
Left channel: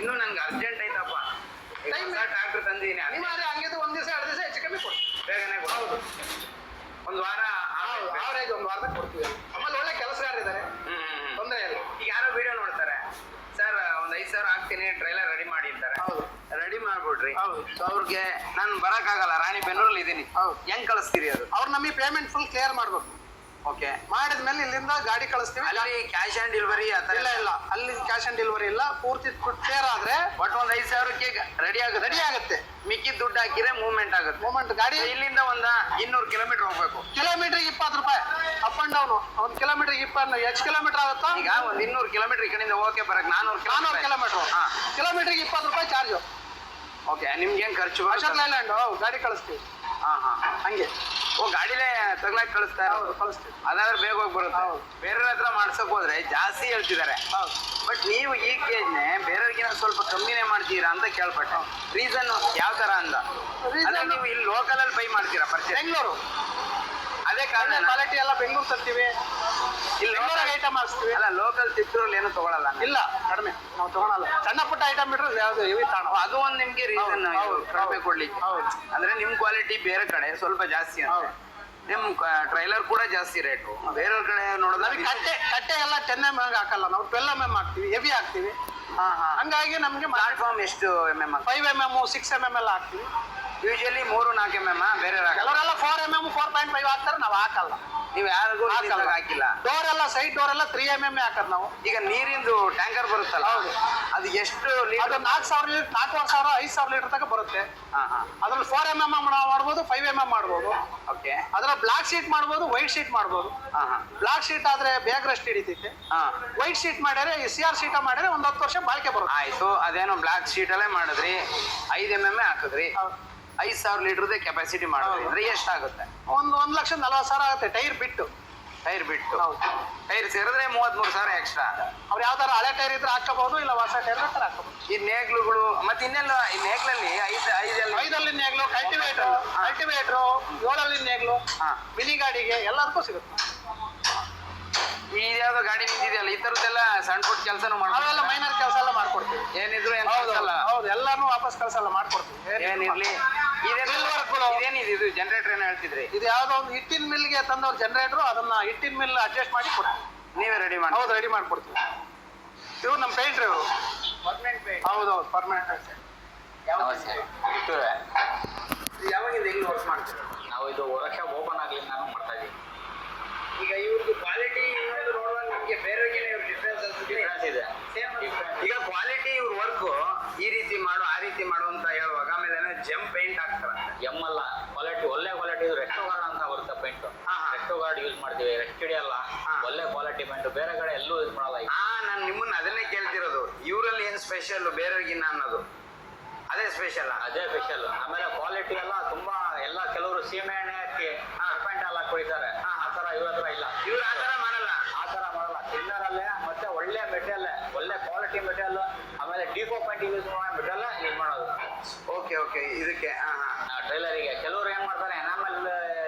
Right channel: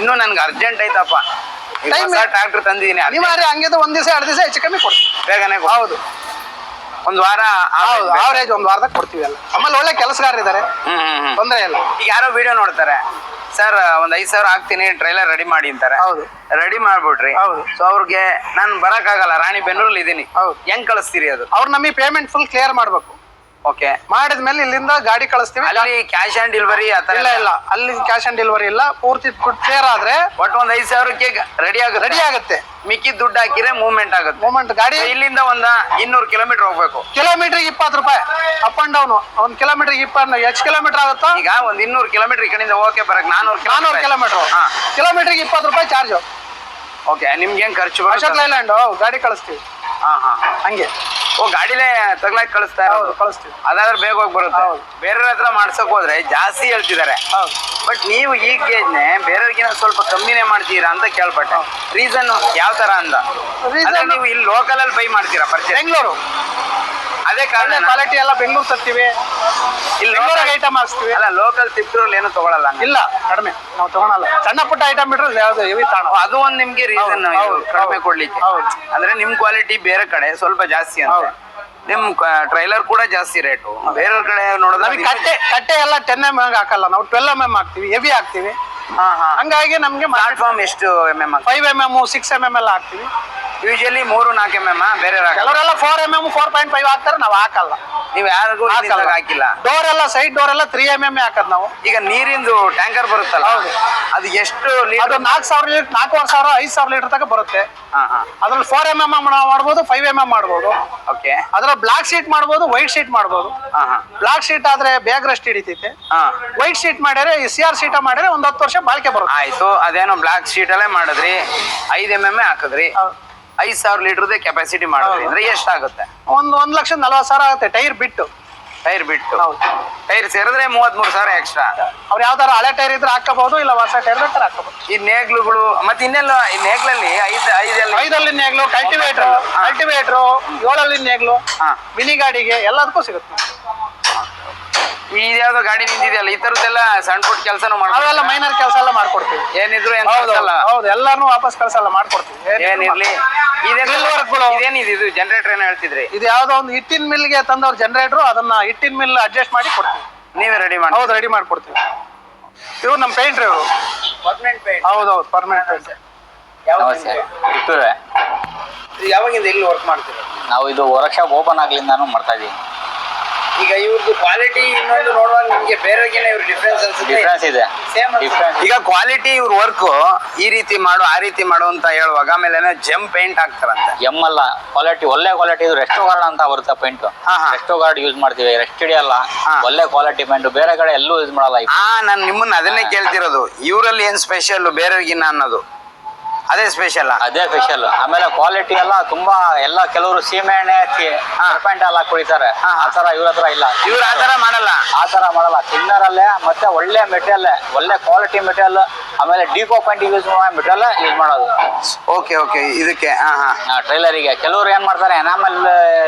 ಇನ್ನೂ ನನ್ಗೆ ಅರ್ಜೆಂಟ್ ಐತಪ್ಪ, Time ಟ್ರಾಕ್ಟರ್ ತಂದಿದ್ದೀನಿ. ಅನಿವಾರ್ಯ ಹಂಗಿದ್ದು 1 ದಿವಸ 2 ದಿವಸ ಹೆಚ್ಚು ಕಮ್ಮಿ ಕೊಡ್ತೀವಿ. ಬೇಗನೆ ಹೌದು ಒಂದು ವಾರ. ಹೌದು, ಆವರೇಜ್ 1 ವಾರದಾಗ ಕೊಡ್ತೀವಿ ಎಲ್ಲ. ಆಮೇಲೆ ಒಳ್ಳೆ ಕೆಲಸಗಾರ ಇದ್ದಾರೆ, ತೊಂದರೆ ಇಲ್ಲ. ಈಗ ಯಾರೋ ವಿಡಿಯೋ ನೋಡ್ತಾರೆ, ಸರ್ ಒಂದು 5,000 ಹಾಕ್ತೀನಿ ಟ್ರೈಲರ್ ರೆಡಿ ಮಾಡಿ ಅಂತಾರೆ. ಹೌದು. ರೆಡಿ ಮಾಡ್ಬಿಟ್ರಿ. ಹೌದು. ಸೊ ಅವ್ರಿಗೆ ನಾನು ಬರಕ್ಕಾಗಲ್ಲ, ರಾಣಿಬೆನ್ನೂರಲ್ಲಿ ಇದ್ದೀನಿ. ಹೌದು. ಹೆಂಗ್ ಕಳಿಸ್ತೀರಿ ಅದು? ಅವ್ರು ನಮಗೆ ಪೇಮೆಂಟ್ ಫುಲ್ ಕ್ಲಿಯರ್ ಮಾಡ್ಬೇಕು. ಓಕೆ. ಮಾಡಿದ್ಮೇಲೆ ಇಲ್ಲಿಂದ ಗಾಡಿ ಕಳಿಸ್ತೀವಿ. ಅಲ್ಲಿ ಕ್ಯಾಶ್ ಆನ್ ಡೆಲಿವರಿ ಆತರ? ಇಲ್ಲ ಅಲ್ಲಿ ಕ್ಯಾಶ್ ಆನ್ ಡೆಲಿವರಿ ಇಲ್ಲ. ಪೂರ್ತಿ ಕ್ಲಿಯರ್ ಆದ್ರೆ ಒಟ್ಟು ಒಂದು 5,000ಕ್ಕೆ ರೆಡಿ ಆಗುತ್ತೆ. ಮಿಕ್ಕಿ ದುಡ್ಡು ಹಾಕಿದ್ರೆ ಮೂವ್ಮೆಂಟ್ ಆಗುತ್ತೆ. ಮೂವ್ಮೆಂಟ್ ಗಾಡಿ ಇಲ್ಲಿಂದ ಒಂದು 200 ಕಿಲೋಮೀಟರ್ ಹೋಗ್ಬೇಕು. ಕಿಲೋಮೀಟರ್ಗೆ 20 ರೂಪಾಯಿ ಅಪ್ ಅಂಡ್ ಡೌನ್. 1 ಕಿಲೋಮೀಟರ್ಗೆ 20. ಎಷ್ಟು ಕಿಲೋಮೀಟರ್ ಆಗುತ್ತಾ? ಈಗ ಒಂದು 200 ಕಿಲೋಮೀಟರ್ ಈ ಕಡೆಯಿಂದ ಹೋಗಕ್ಕೆ ಬರಕ್ 400 ಕಿಲೋಮೀಟರ್. ಕಿಲೋಮೀಟರ್ಗೆ 20 ರೂಪಾಯಿ ಚಾರ್ಜ್. ಓಕೆ. ನಿಮ್ಗೆ ಹೆಂಗ್ ಖರ್ಚು? ಅಶೋಕ್ ಲೈಲ್ಯಾಂಡ್ ಗಾಡಿ ಕಳಿಸ್ತೀವಿ. ಹಂಗೆ. ಓ, ಗಾಡಿಲೇ ತಗ್ಲಾಕ್ ಕಳಿಸ್ತಾ ಇರೋದು? ಕಳಿಸ್ತೀವಿ. ಅದಾದ್ರೆ ಬೇಗ ಹೋಗಿ ಬರುತ್ತೆ. ಬೇರೆ ಹತ್ರ ಮಾಡ್ಸಕ್ ಹೋದ್ರೆ ಜಾಸ್ತಿ ಹೇಳ್ತಿದ್ದಾರೆ. ಬಟ್ ನೀವು ಈ ಗೇಜ್ನೆ ಬೇರೆಯವ್ರಿಗಿನ ಸ್ವಲ್ಪ ಕಮ್ಮಿನೇ ಮಾಡ್ತೀರಾ ಅಂತ ಕೇಳ್ಪಟ್ಟೆ. ರೀಸನ್ ಯಾವ ತರ ಅಂದ? ನೀವು ಇಲ್ಲಿ ಲೋಕಲ್ ಅಲ್ಲಿ ಬೈ ಮಾಡ್ತೀರಾ ಪರ್ಚೇಸ್? ಬೆಂಗಳೂರು. ಅದೇ ಕಾರಣ ಕ್ವಾಲಿಟಿ ಎಲ್ಲ ಬೆಂಗಳೂರು ತರ್ತೀವಿ, ಇಲ್ಲಿ ಬೆಂಗಳೂರಿಗೆ ಐಟಮ್ ಹಾಕ್ಸ್ತೀವಿ. ಅಲ್ಲ, ಲೋಕಲ್ ತಿಪ್ಟೂರಲ್ಲಿ ಏನು ತಗೊಳಲ್ಲ? ಇಲ್ಲ, ಕಡಿಮೆ ನಾವು ತಗೊಳಲ್ಲ. ಸಣ್ಣ ಪುಟ್ಟ ಐಟಮ್ ಬಿಟ್ರೆ ಯಾವ್ದು ಹೆವಿ ತಾಣ. ಅದು ಒಂದ್ ನಿಮ್ಗೆ ರೀಸನ್ ಕಡಿಮೆ ಕೊಡ್ಲಿಕ್ಕೆ. ಅಂದ್ರೆ ನಿಮ್ ಕ್ವಾಲಿಟಿ ಬೇರೆ ಕಡೆ ಸ್ವಲ್ಪ ಜಾಸ್ತಿ ಅಂತ. ನಿಮ್ ಟ್ರೈಲರ್ ಕೂಡ ಜಾಸ್ತಿ ರೇಟು. ಬೇರೆ ಕಡೆ ನೋಡೋದು ಕಟ್ಟೆ ಎಲ್ಲ 10 mm ಹಾಕಲ್ಲ, ನಾವು 12 mm ಹಾಕ್ತಿವಿ, ಹೆವಿ ಹಾಕ್ತಿವಿ. ಹಂಗಾಗಿ ನಮ್ಗೆ ಪ್ಲಾಟ್ಫಾರ್ಮ್ ಎಷ್ಟು mm? 5 mm 6 mm ಎಲ್ಲ ಹಾಕ್ತಿವಿ. ಯೂಶಲಿ 3-4 mm ಬೇರೆ ಕೆಲವರೆಲ್ಲ 4 mm 4.5 ಹಾಕ್ತಾರೆ, ನಾವು ಹಾಕಲ್ಲ. ನೀವು ಯಾರಿಗೂ ಹಾಕಿಲ್ಲ. ಡೋರ್ ಎಲ್ಲ ಸೈಡ್ ಡೋರ್ ಎಲ್ಲ 3 mm ಹಾಕದ್ ನಾವು. ಈಗ ನೀರಿಂದು ಟ್ಯಾಂಕರ್ ಬರುತ್ತಲ್ಲ, ಹೌದು. ಅದು ಎಷ್ಟು ಅದು ಲೀಟರ್? 4,000 ಲೀಟರ್, 4,500 5,000 ಲೀಟರ್ ತನಕ ಬರುತ್ತೆ. ಹಾ. ಅದ್ರಲ್ಲಿ 4 mm ಮಾಡ್ಬೋದು, 5 mm ಮಾಡ್ಬೋದು. ಓಕೆ. ಅದ್ರ ಬ್ಲಾಕ್ ಶೀಟ್ ಮಾಡ್ಬೋದು, ವೈಟ್ ಶೀಟ್ ಮಾಡ್ಬೋದು. ಹಾ. ಬ್ಲಾಕ್ ಶೀಟ್ ಆದ್ರೆ ಬೇಗ ರೆಸ್ಟ್ ಹಿಡಿತೈತೆ. ಹಾ. ವೈಟ್ ಶೀಟ್ ಮಾಡಿದ್ರೆ CR ಶೀಟ ಮಾಡಿದ್ರೆ 10 ವರ್ಷ ಬಾಳಿಕೆ ಬರುತ್ತೆ. ಆಯ್ತು, ಅದೇನೋ ಬ್ಲಾಕ್ ಶೀಟ್ ಅಲ್ಲೇ ಮಾಡಿದ್ರಿ, 5 mm ಹಾಕಿದ್ರಿ, 5,000 ಲೀಟರ್ದೇ ಕೆಪಾಸಿಟಿ ಮಾಡಿದ್ರಿ ಅಂದ್ರೆ ಎಷ್ಟಾಗುತ್ತೆ? 1,40,000 ಆಗುತ್ತೆ ಟೈರ್ ಬಿಟ್ಟು. ಟೈರ್ ಬಿಟ್ಟು. ಹೌದು. ಟೈರ್ ಸೇರಿದ್ರೆ 33,000 ಎಕ್ಸ್ಟ್ರಾ. ಅವ್ರು ಯಾವ್ದಾರ ಹಳೆ ಟೈರ್ ಇದ್ರೆ ಹಾಕಬಹುದು, ಇಲ್ಲ ಹೊಸ ಟೈರ್ ಬೇಕಾದ್ರೆ ಹಾಕಬಹುದು. ಈ ನೇಗ್ಲುಗಳು ಮತ್ತೆ ಇನ್ನೆಲ್ಲ ಈ ನೇಗ್ಲಲ್ಲಿ 5 ನೇಗ್ಲು, ಕಲ್ಟಿವೇಟರ್ 7 ನೇಗ್ಲು, ಮಿನಿ ಗಾಡಿಗೆ ಎಲ್ಲದಕ್ಕೂ ಸಿಗುತ್ತೆ. ಇದ್ಯಾವ್ದೋ ಗಾಡಿ ನಿಂತಿದೆಯಲ್ಲ, ಈ ತರದ್ದೆಲ್ಲ ಸಣ್ಣ ಪುಟ್ಟ ಕೆಲಸನೂ ಅವೆಲ್ಲ ಮಾಡ್ಬೋದು. ಮೈನರ್ ಕೆಲಸ ಎಲ್ಲ ಮಾಡ್ಕೊಡ್ತೀವಿ. ಏನಿದ್ರು ಹೌದು, ಎಲ್ಲಾನು ವಾಪಸ್ ಕಳ್ಸಲ್ಲ, ಮಾಡ್ಕೊಡ್ತೀವಿ. ಏನಿರ್ಲಿ. Drill workಗಳು. ಇದೇನಿದೆ ಇದು ಜನರೇಟರ್ ಏನೋ ಹೇಳ್ತಿದ್ರಿ? ಇದು ಯಾವ್ದೋ ಒಂದು ಹಿಟ್ಟಿನ ಮಿಲ್ಗೆ ತಂದವ್ರ ಜನರೇಟರ್, ಅದನ್ನ ಹಿಟ್ಟಿನ ಮಿಲ್ ಅಡ್ಜಸ್ಟ್ ಮಾಡಿ ಕೊಡ್ತೀವಿ. ನೀವೇ ರೆಡಿ ಮಾಡಿ? ಹೌದು, ರೆಡಿ ಮಾಡ್ಕೊಡ್ತೀವಿ. ಇವ್ರು ನಮ್ಮ ಪೇಂಟ್ರಿ ಇವರು. ಹೌದೌದು, ಪರ್ಮನೆಂಟ್ ಪೇಂಟ್. ನಮಸ್ತೆ. ಕಿತ್ತೂರೇ. ಯಾವಾಗಿಂದ ಇಲ್ಲಿ ವರ್ಕ್ ಮಾಡ್ತೀರಾ? ನಾವು ಇದು ವರ್ಕ್ಶಾಪ್ ಓಪನ್ ಆಗ್ಲಿಂದಾನು ಮಾಡ್ತಾ ಇದೀವಿ. ಈಗ ಇವ್ರದ್ದು ಕ್ವಾಲಿಟಿ ಇನ್ನೊಂದು ನೋಡುವಾಗ ನಿಮ್ಗೆ ಬೇರೆಗಿನ ಇವ್ರ ಡಿಫ್ರೆನ್ಸ್ ಅನ್ಸುತ್ತೆ? ಡಿಫ್ರೆನ್ಸ್ ಇದೆ. ಡಿಫ್ರೆನ್ಸ್. ಈಗ ಕ್ವಾಲಿಟಿ ಇವ್ರ ವರ್ಕ್ ಈ ರೀತಿ ಮಾಡು ಆ ರೀತಿ ಮಾಡು ಅಂತ ಹೇಳುವಾಗ ಆಮೇಲೆ ಜಮ್ ಪೇಂಟ್ ಹಾಕ್ತಾರಂತೆ. ಎಮ್ ಅಲ್ಲ, ಕ್ವಾಲಿಟಿ ಒಳ್ಳೆ ಕ್ವಾಲಿಟಿ. ಇದು ರೆಸ್ಟೋ ಗಾರ್ಡ್ ಅಂತ ಬರುತ್ತೆ ಪೇಂಟ್. ಹಾ. ರೆಸ್ಟೋ ಗಾರ್ಡ್ ಯೂಸ್ ಮಾಡ್ತೀವಿ, ರೆಸ್ಟ್ ಹಿಡಿಯಲ್ಲ. ಹಾ. ಒಳ್ಳೆ ಕ್ವಾಲಿಟಿ ಪೇಂಟ್, ಬೇರೆ ಕಡೆ ಎಲ್ಲೂ ಯೂಸ್ ಮಾಡಲ್ಲ. ನಾನು ನಿಮ್ಮನ್ನ ಅದನ್ನೇ ಕೇಳ್ತಿರೋದು, ಇವರಲ್ಲಿ ಏನ್ ಸ್ಪೆಷಲ್ ಬೇರೆಗಿನ್ನ ಅನ್ನೋದು? ಅದೇ ಸ್ಪೆಷಲ್. ಅದೇ ಸ್ಪೆಷಲ್. ಆಮೇಲೆ ಕ್ವಾಲಿಟಿ ಎಲ್ಲ ತುಂಬಾ ಎಲ್ಲ ಕೆಲವರು ಸೀಮೆ ಎಣ್ಣೆ ಹಚ್ಚಿ ಪೇಂಟ್ ಎಲ್ಲ ಕುಡಿತಾರೆ. ಆ ತರ ಇವ್ರ ಹತ್ರ ಇಲ್ಲ. ಇವ್ರು ಆತರ ಮಾಡಲ್ಲ. ಆ ತರ ಮಾಡಲ್ಲ. ತಿನ್ನರಲ್ಲೇ ಮತ್ತೆ ಒಳ್ಳೆ ಮೆಟೀರಿಯಲ್, ಒಳ್ಳೆ ಕ್ವಾಲಿಟಿ ಮೆಟೀರಿಯಲ್, ಆಮೇಲೆ ಡಿಕೋ ಪೇಂಟ್ ಯೂಸ್ ಮಾಡೋ ಮೆಟೀರಿಯಲ್ ಯೂಸ್ ಮಾಡೋದು. ಓಕೆ ಇದಕ್ಕೆ. ಟ್ರೈಲರಿಗೆ ಕೆಲವರು ಏನ್ ಮಾಡ್ತಾರೆ, ಎನಾಮಲ್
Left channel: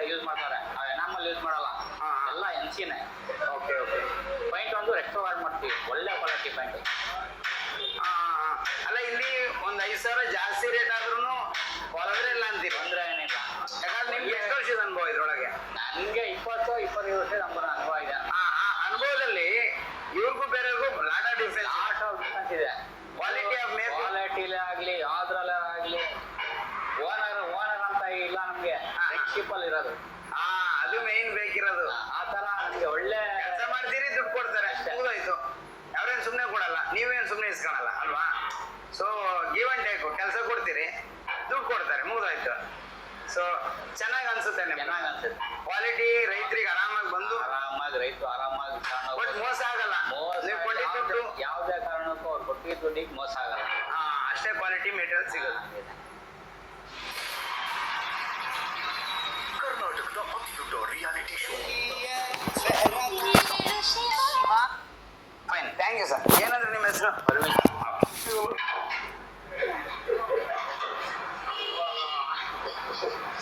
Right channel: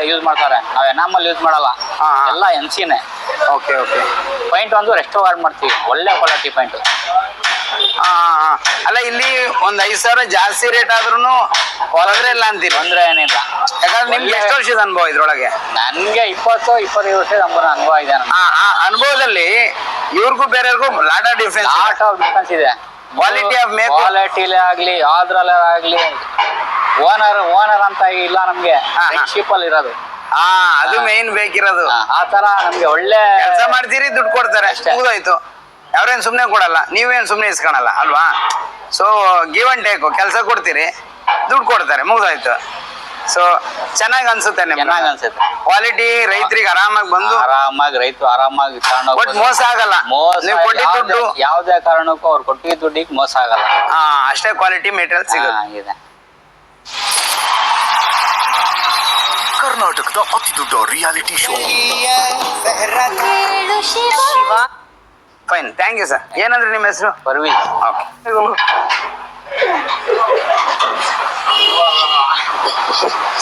ಯೂಸ್ ಮಾಡ್ತಾರೆ. ನಾವು ಎನಾಮಲ್ ಯೂಸ್ ಮಾಡಲ್ಲ, ಎಲ್ಲ ಎನ್ಸಿನೇ. ಓಕೆ ಪೈಂಟ್ ಒಂದು ರೆಸ್ಟೋ ಗಾರ್ಡ್ ಮಾಡ್ತೀವಿ, ಒಳ್ಳೆ ಕ್ವಾಲಿಟಿ ಪೈಂಟ್. ಅಲ್ಲ, ಇಲ್ಲಿ ಒಂದ್ 5,000 ಜಾಸ್ತಿ ರೇಟ್ ಆದ್ರೂ ಹೊಲದ್ರೆ ಇಲ್ಲ ಅಂತೀರಿ? ತೊಂದ್ರೆ ಏನಿಲ್ಲ. ಯಾಕಂದ್ರೆ ನಿಮ್ಗೆ ಎಷ್ಟು ವರ್ಷದ ಅನುಭವ ಇದ್ರೊಳಗೆ? ನನ್ಗೆ 20-25 ವರ್ಷದ ಅನುಭವ ಇದೆ. ಆ ಅನುಭವದಲ್ಲಿ ಇವ್ರಿಗೂ ಬೇರೆಯವ್ರಿಗೂ ಲಾಟ್ ಆಫ್ ಡಿಫ್ರೆನ್ಸ್ ಇದೆ. ಕ್ವಾಲಿಟಿ ಆಫ್ ಮೇಕ್, ಕ್ವಾಲಿಟಿಲೇ ಆಗ್ಲಿ, ಯಾವ್ದ್ರಲ್ಲೇ ಆಗ್ಲಿ. ಓನರ್ ಅಂತ ಇಲ್ಲ ನಮ್ಗೆ, ಫ್ರೆಂಡ್ಶಿಪ್ ಅಲ್ಲಿ ಇರೋದು. ಅದು ಮೇನ್ ಬೇಕಿರೋದು. ಆ ತರ ನಮ್ಗೆ ಒಳ್ಳೆ ಕೆಲಸ ಮಾಡ್ತೀರಿ, ದುಡ್ಡು ಕೊಡ್ತಾರೆ, ಮುಗಿದೋಯ್ತು. ಅವ್ರೇನ್ ಸುಮ್ನೆ ಕೊಡಲ್ಲ, ನೀವೇನ್ ಸುಮ್ನೆ ಇಸ್ಕೊಳಲ್ಲ ಅಲ್ವಾ? ಸೊ ಗಿವ್ ಅಂಡ್ ಟೇಕ್, ಕೆಲಸ ಕೊಡ್ತೀರಿ, ದುಡ್ಡು ಕೊಡ್ತಾರೆ, ಮುಗಿದೋಯ್ತು. ಸೊ ಚೆನ್ನಾಗಿ ಅನ್ಸುತ್ತೆ ನಿಮ್ಗೆ? ಚೆನ್ನಾಗಿ ಅನ್ಸುತ್ತೆ. ಕ್ವಾಲಿಟಿ ರೈತರಿಗೆ ಆರಾಮಾಗಿ ಬಂದು ರೈತರು ಆರಾಮಾಗಿ ಬಟ್ ಮೋಸ ಆಗಲ್ಲ. ನೀವು ಕೊಟ್ಟಿದ್ದ ದುಡ್ಡು ಯಾವುದೇ ಕಾರಣಕ್ಕೂ ಅವ್ರು ಕೊಟ್ಟಿದ್ದ ದುಡ್ಡಿಗೆ ಮೋಸ ಆಗಲ್ಲ. ಅಷ್ಟೇ ಕ್ವಾಲಿಟಿ ಮೆಟೀರಿಯಲ್ ಸಿಗುತ್ತೆ. ಆಗಿದೆ. ಕರ್ನಾಟಕದ ಅತಿ ದೊಡ್ಡ reality show. Fine, thank you sir. ಏನಂದ್ರೆ ನಿಮ್ಮ ಹೆಸರು? ಪರ್ವೀನ್. ಓಕೆ.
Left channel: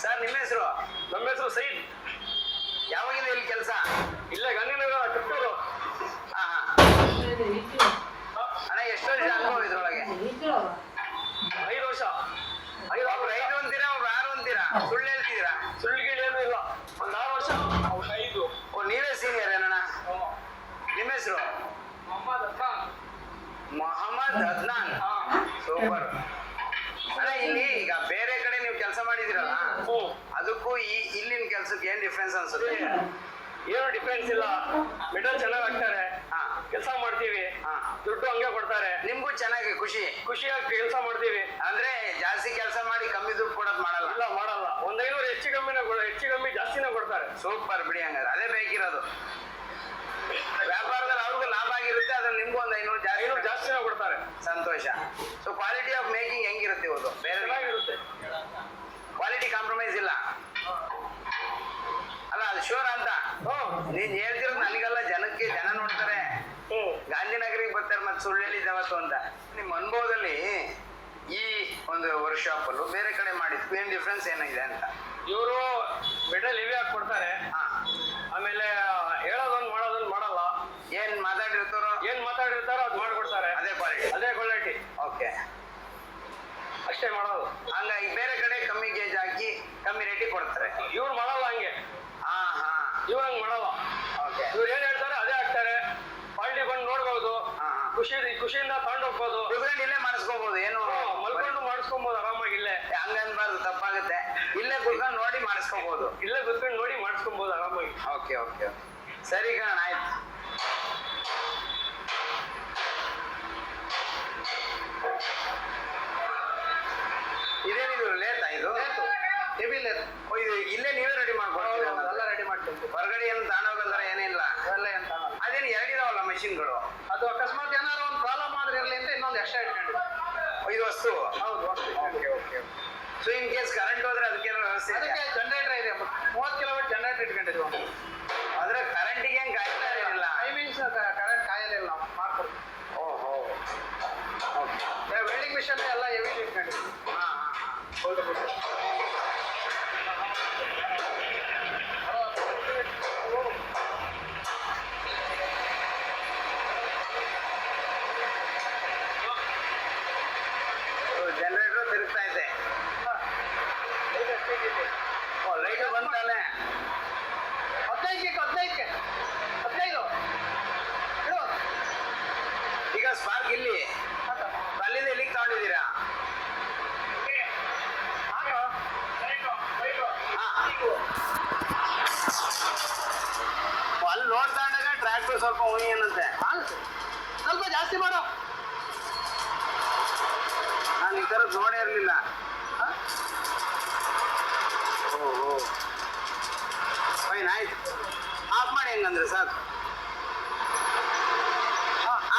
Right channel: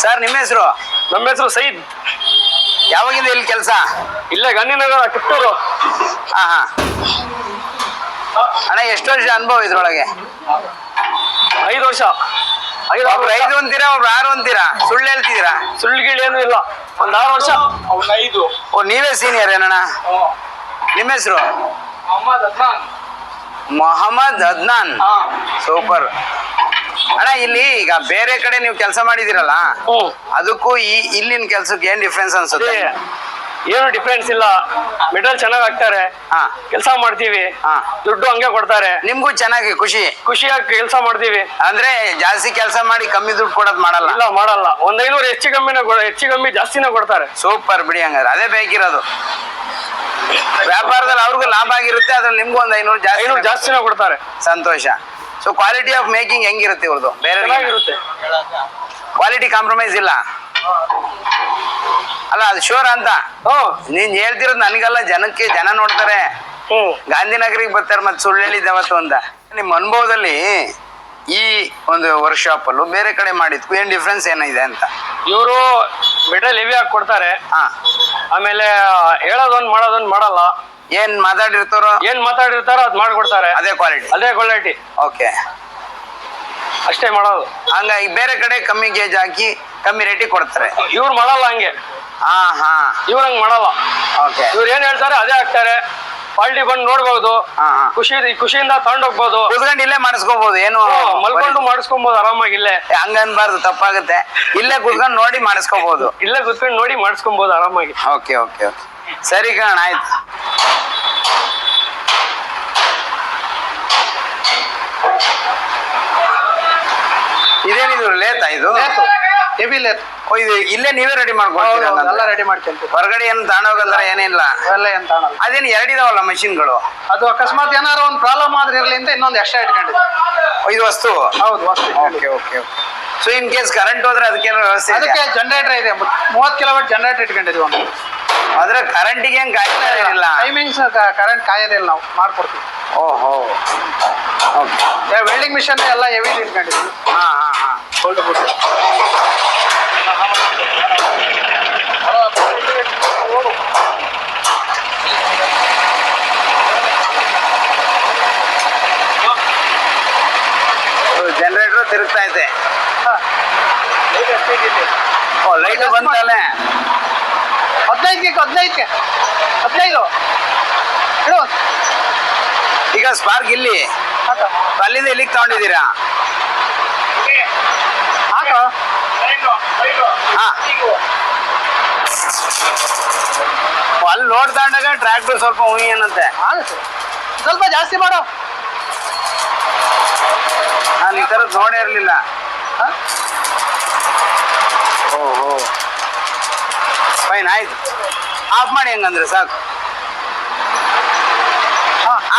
ಸರ್ ನಿಮ್ಮ ಹೆಸರು? ನಮ್ಮ ಹೆಸರು ಸೈದ್. ಯಾವಾಗಿಂದ ಇಲ್ಲಿ ಕೆಲಸ? ಇಲ್ಲೇ ಗಾಂಧಿನಗರ, ಕಿತ್ತೂರು. ಹಾ. ಅಣ್ಣ, ಎಷ್ಟು ವರ್ಷ ಅನುಭವ ಇದ್ರೊಳಗೆ? 5 ವರ್ಷ. ಒಬ್ರು 5 ಅಂತೀರಾ, ಒಬ್ರು 6 ಅಂತೀರಾ? ಸುಳ್ಳು ಹೇಳ್ತಿದ್ದೀರಾ? ಸುಳ್ಳುಗಿಳು ಏನೂ ಇಲ್ಲ. ಒಂದ್ 6 ವರ್ಷ. 5. ಓ, ನೀವೇ ಸೀನಿಯರ್ ಏನಣ್ಣ? ನಿಮ್ಮ ಹೆಸರು? ಮೊಹಮ್ಮದ್ ಅದ್ನಾನ್. ಸೂಪರ್ ಅಣ್ಣ. ಇಲ್ಲಿ ಈಗ ಬೇರೆ ಕಡೆ ನೀವು ಕೆಲಸ ಮಾಡಿದಿರಲ್ಲ, ಅದಕ್ಕೂ ಇಲ್ಲಿನ ಕೆಲ್ಸಕ್ಕೆ ಏನ್ ಡಿಫ್ರೆನ್ಸ್ ಅನ್ಸುತ್ತೆ? ಏನು ಡಿಫ್ರೆನ್ಸ್ ಇಲ್ಲ. ಮೆಟಲ್ ಚೆನ್ನಾಗಿ ಹಾಕ್ತಾರೆ, ಕೆಲಸ ಮಾಡ್ತೀವಿ, ದುಡ್ಡು ಹಂಗೆ ಕೊಡ್ತಾರೆ. ನಿಮ್ಗೂ ಚೆನ್ನಾಗಿ ಖುಷಿಯಾಗಿ ಕೆಲಸ ಮಾಡ್ತೀವಿ. ಅಂದ್ರೆ ಜಾಸ್ತಿ ಕೆಲಸ ಮಾಡಿ ಕಮ್ಮಿ ದುಡ್ಡು ಕೊಡೋದು ಮಾಡಲ್ಲ? ಇಲ್ಲ, ಮಾಡಲ್ಲ. ಒಂದ್ 500 ಹೆಚ್ಚು ಕಮ್ಮಿ ಜಾಸ್ತಿನೇ ಕೊಡ್ತಾರೆ. ಸೂಪರ್ ಬಿಡಿ, ಹಂಗಾದ್ರೆ ಅದೇ ಬೇಕಿರೋದು. ವ್ಯಾಪಾರದಲ್ಲಿ ಅವ್ರಿಗೂ ಲಾಭ ಆಗಿರುತ್ತೆ, ಅದ್ರಲ್ಲಿ ನಿಮ್ಗೂ ಒಂದ್ 500 ಜಾಸ್ತಿನೇ ಕೊಡ್ತಾರೆ. ಸಂತೋಷ. ಸೊ ಕ್ವಾಲಿಟಿ ಆಫ್ ಮೇಕಿಂಗ್ ಹೆಂಗಿರುತ್ತೆ ಇವ್ರದ್ದು? ಬೇರೆ ಇರುತ್ತೆ. ಕ್ವಾಲಿಟಿ ಕಾಂಪ್ರಮೈಸ್ ಇಲ್ಲ ಅಲ್ಲ, ಅದು ಶೋರ್ ಅಂತ. ನೀನ್ ಹೇಳ್ತಿರೋದು ನನಗಲ್ಲ, ಜನಕ್ಕೆ. ಜನ ನೋಡ್ತಾರೆ, ಗಾಂಧಿನಗರಿಗೆ ಬರ್ತಾರೆ, ಮತ್ತೆ ಸುಳ್ಳು ಹೇಳಿದ್ದವತ್ತು ಅಂತ. ನಿಮ್ಮ ಅನುಭವದಲ್ಲಿ ಈ ಒಂದು ವರ್ಕ್ಶಾಪ್ ಅಲ್ಲೂ ಬೇರೆ ಕಡೆ ಮಾಡಿದ್ಕು ಏನ್ ಡಿಫ್ರೆನ್ಸ್ ಏನಿದೆ ಅಂತ? ಇವರು ಮೆಟಲ್ ಹೆವಿ ಆಗಿ ಕೊಡ್ತಾರೆ. ಆಮೇಲೆ ಹೇಳೋದೊಂದು ಮಾಡೋದೊಂದು ಮಾಡಲ್ಲ. ಏನ್ ಮಾತಾಡಿರ್ತಾರೋ ಅದ್ ಮಾಡ್ಕೊಡ್ತಾರೆ. ಅದೇ ಕ್ವಾಲಿಟಿ. ಓಕೆ, ಅಷ್ಟೇ ಮಾಡೋದು. ಹಂಗಾಗಿ ಬೇರೆ ಕಡೆ ಕಮ್ಮಿ ಗೇಜ್ ಹಾಕಿ ಕಮ್ಮಿ ರೇಟಿಗೆ ಕೊಡ್ತಾರೆ. ಇವ್ರು ಮಾಡಲ್ಲ ಹಂಗೆ. ಇವ್ರು ಹಂಗ್ ಮಾಡಲ್ಲ. ಓಕೆ. ಇವ್ರು ಏನ್ ಹೇಳ್ತಾರೆ ಅದೇ ಹಾಕ್ತಾರೆ. ಪಾಲ್ಟಿ ಬಂದು ನೋಡ್ಬೋದು, ಖುಷಿಯಿಂದ ತಗೊಂಡೋಗ್ಬೋದು, ಕೂತ್ಕೊಂಡು ಇಲ್ಲೇ ಮಾಡಿಸ್ಕೋಬಹುದು. ಏನು ಮಲ್ಕೊಂಡು ಮಾಡಿಸ್ಕೊಬಹುದು ಆರಾಮಾಗಿ. ಇಲ್ಲೇ ಹಂಗನ್ಬಾರ್ದು, ತಪ್ಪಾಗುತ್ತೆ. ಇಲ್ಲೇ ಕೂತ್ಕೊಂಡು ನೋಡಿ ಮಾಡಿಸ್ಕೋಬಹುದು. ಇಲ್ಲೇ ಕೂತ್ಕೊಂಡು ನೋಡಿ ಮಾಡಿಸ್ಕೊಬಹುದು ಆರಾಮಾಗಿ. ಓಕೆ ಓಕೆ ಓಕೆ, ಸರಿ ಕಣ, ಆಯ್ತು. ಇದೇನಿದು ಲೇತಾ ಇದು? Heavy lathe. ಓ, ಇದು ಇಲ್ಲೇ ನೀವೇ ರೆಡಿ ಮಾಡ್ಕೊಳ್ತೀರಾ? ಎಲ್ಲ ರೆಡಿ ಮಾಡ್ಕೊಂತೀವಿ. ಹೊರಗಡೆ ಏನು ತಗೊಂಡೋಗಂದ್ರೆ ಏನಿಲ್ಲ. ಎಲ್ಲ ಏನ್ ತಾಣಲ್ಲ. ಅದೇನು ಎರಡಿದಾವಲ್ಲ ಮಷಿನ್ಗಳು? ಅದು ಅಕಸ್ಮಾತ್ ಏನಾರು ಒಂದು ಪ್ರಾಬ್ಲಮ್ ಆದ್ರೆ ಇರ್ಲಿ ಅಂತ ಇನ್ನೊಂದು ಎಕ್ಸ್ಟ್ರಾ ಇಟ್ಕೊಂಡಿದ್ವಿ. ಇದು ವಸ್ತು? ಹೌದು, ವಸ್ತು. Okay okay. So in case current ಹೋದ್ರೆ ಅದಕ್ಕೇನೋ ವ್ಯವಸ್ಥೆ? ಅದಕ್ಕೆ ಜನರೇಟರ್ ಇದೆ, 30 ಕಿಲೋವಾಟ್ ಜನರೇಟರ್ ಇಟ್ಕೊಂಡಿದ್ವಿ ಒಂದು. ಆದ್ರೆ ಕರೆಂಟಿಗೆ ಏನ್ ಕಾಯ್ತಾ ಇರಲಿಲ್ಲ? ಟೈಮಿಂಗ್ಸ್ ಕರೆಂಟ್ ಕಾಯೋದಿಲ್ಲ, ನಾವು ಮಾಡ್ಕೊಡ್ತೀವಿ. ಓಹೋ, ಓಕೆ. ವೆಲ್ಡಿಂಗ್ ಮಿಷನ್ ಎಲ್ಲ ಹೆವಿ ಇಟ್ಕೊಂಡಿದ್ವಿ. ಹಾ ಹಾ ಹಾ. ಜನರೇಟರ್ ತಿರುಗ್ತಾ ಇದೆ. ಓ, ಲೈಟ್ ಬಂತಲ್ಲ? 15 ಇಡು. ಈಗ ಸ್ಪಾರ್ಕ್ ಇಲ್ಲಿ ಅಲ್ಲಿಂದ ಇಲ್ಲಿಗೆ ತಗೊಂಡಿದ್ದೀರಾ? ಹಾಕೋ. ಹಾ. ಅಲ್ಲಿ ಲೋಡ್ ತಗೊಂಡಾಗ ಟ್ರ್ಯಾಕ್ಟರ್ ಸ್ವಲ್ಪ ಏನಂತೆ ಆಗುತ್ತೆ. ಸ್ವಲ್ಪ ಜಾಸ್ತಿ ಮಾಡೋ. ನಾನು ಈ ಥರದ್ದು ನೋಡೇ ಇರಲಿಲ್ಲ. ಓಹೋ, ಫೈನ್, ಆಯ್ತು. ಆಫ್ ಮಾಡಿ ಹೆಂಗಂದ್ರೆ ಸಾಕು.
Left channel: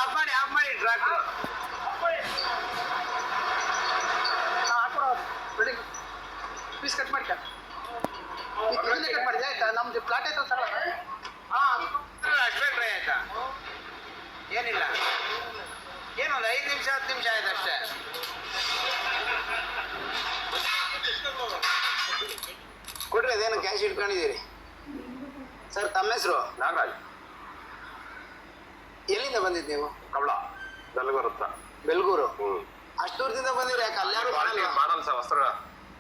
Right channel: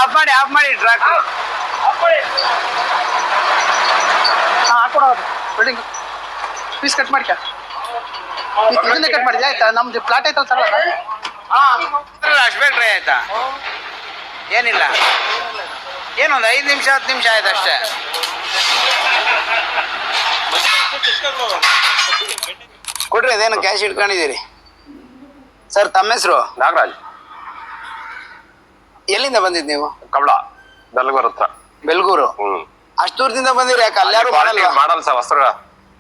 ಆಫ್ ಮಾಡಿ ಟ್ರ್ಯಾಕ್ಟರ್. ಹಾಕೊಡೋದು ವೆಲ್ಡಿಂಗ್ ಪೀಸ್ ಕಟ್ ಮಾಡ್ಕ. ಇದನ್ನೇ ಕಟ್ ಮಾಡಿದ್ಯಾ? ಆಯ್ತಾ? ನಮ್ದು ಪ್ಲಾಟ್ ಐತಲ್ಲ ಸರ್. ಅಷ್ಟು ಟ್ರೈ ಆಯ್ತಾ? ಏನಿಲ್ಲ, ಏನೊಂದು 5 ನಿಮಿಷ 10 ನಿಮಿಷ ಆಯ್ತು ಅಷ್ಟೇ. ಕೊಡ್ರಿ, ಅದೇನು ಕ್ಯಾಶ್ ಇಟ್ಕೊಂಡಿದ್ದೀರಿ ಸರ್? ತಮ್ಮ ಹೆಸರು? ನಾಗರಾಜ್. ಎಲ್ಲಿಂದ ಬಂದಿದ್ದು ನೀವು? ಕಬಳ, ಬೆಲ್ಗೂರ್ ಹತ್ರ. ಬೆಲ್ಗೂರು? ಅಷ್ಟು ದೂರದಿಂದ ಬಂದಿರಿ? ಯಾಕೆ ಅಲ್ಲಾರು ಮಾಡಲ್ಲ ಸರ್ ವಸ್ತ್ರ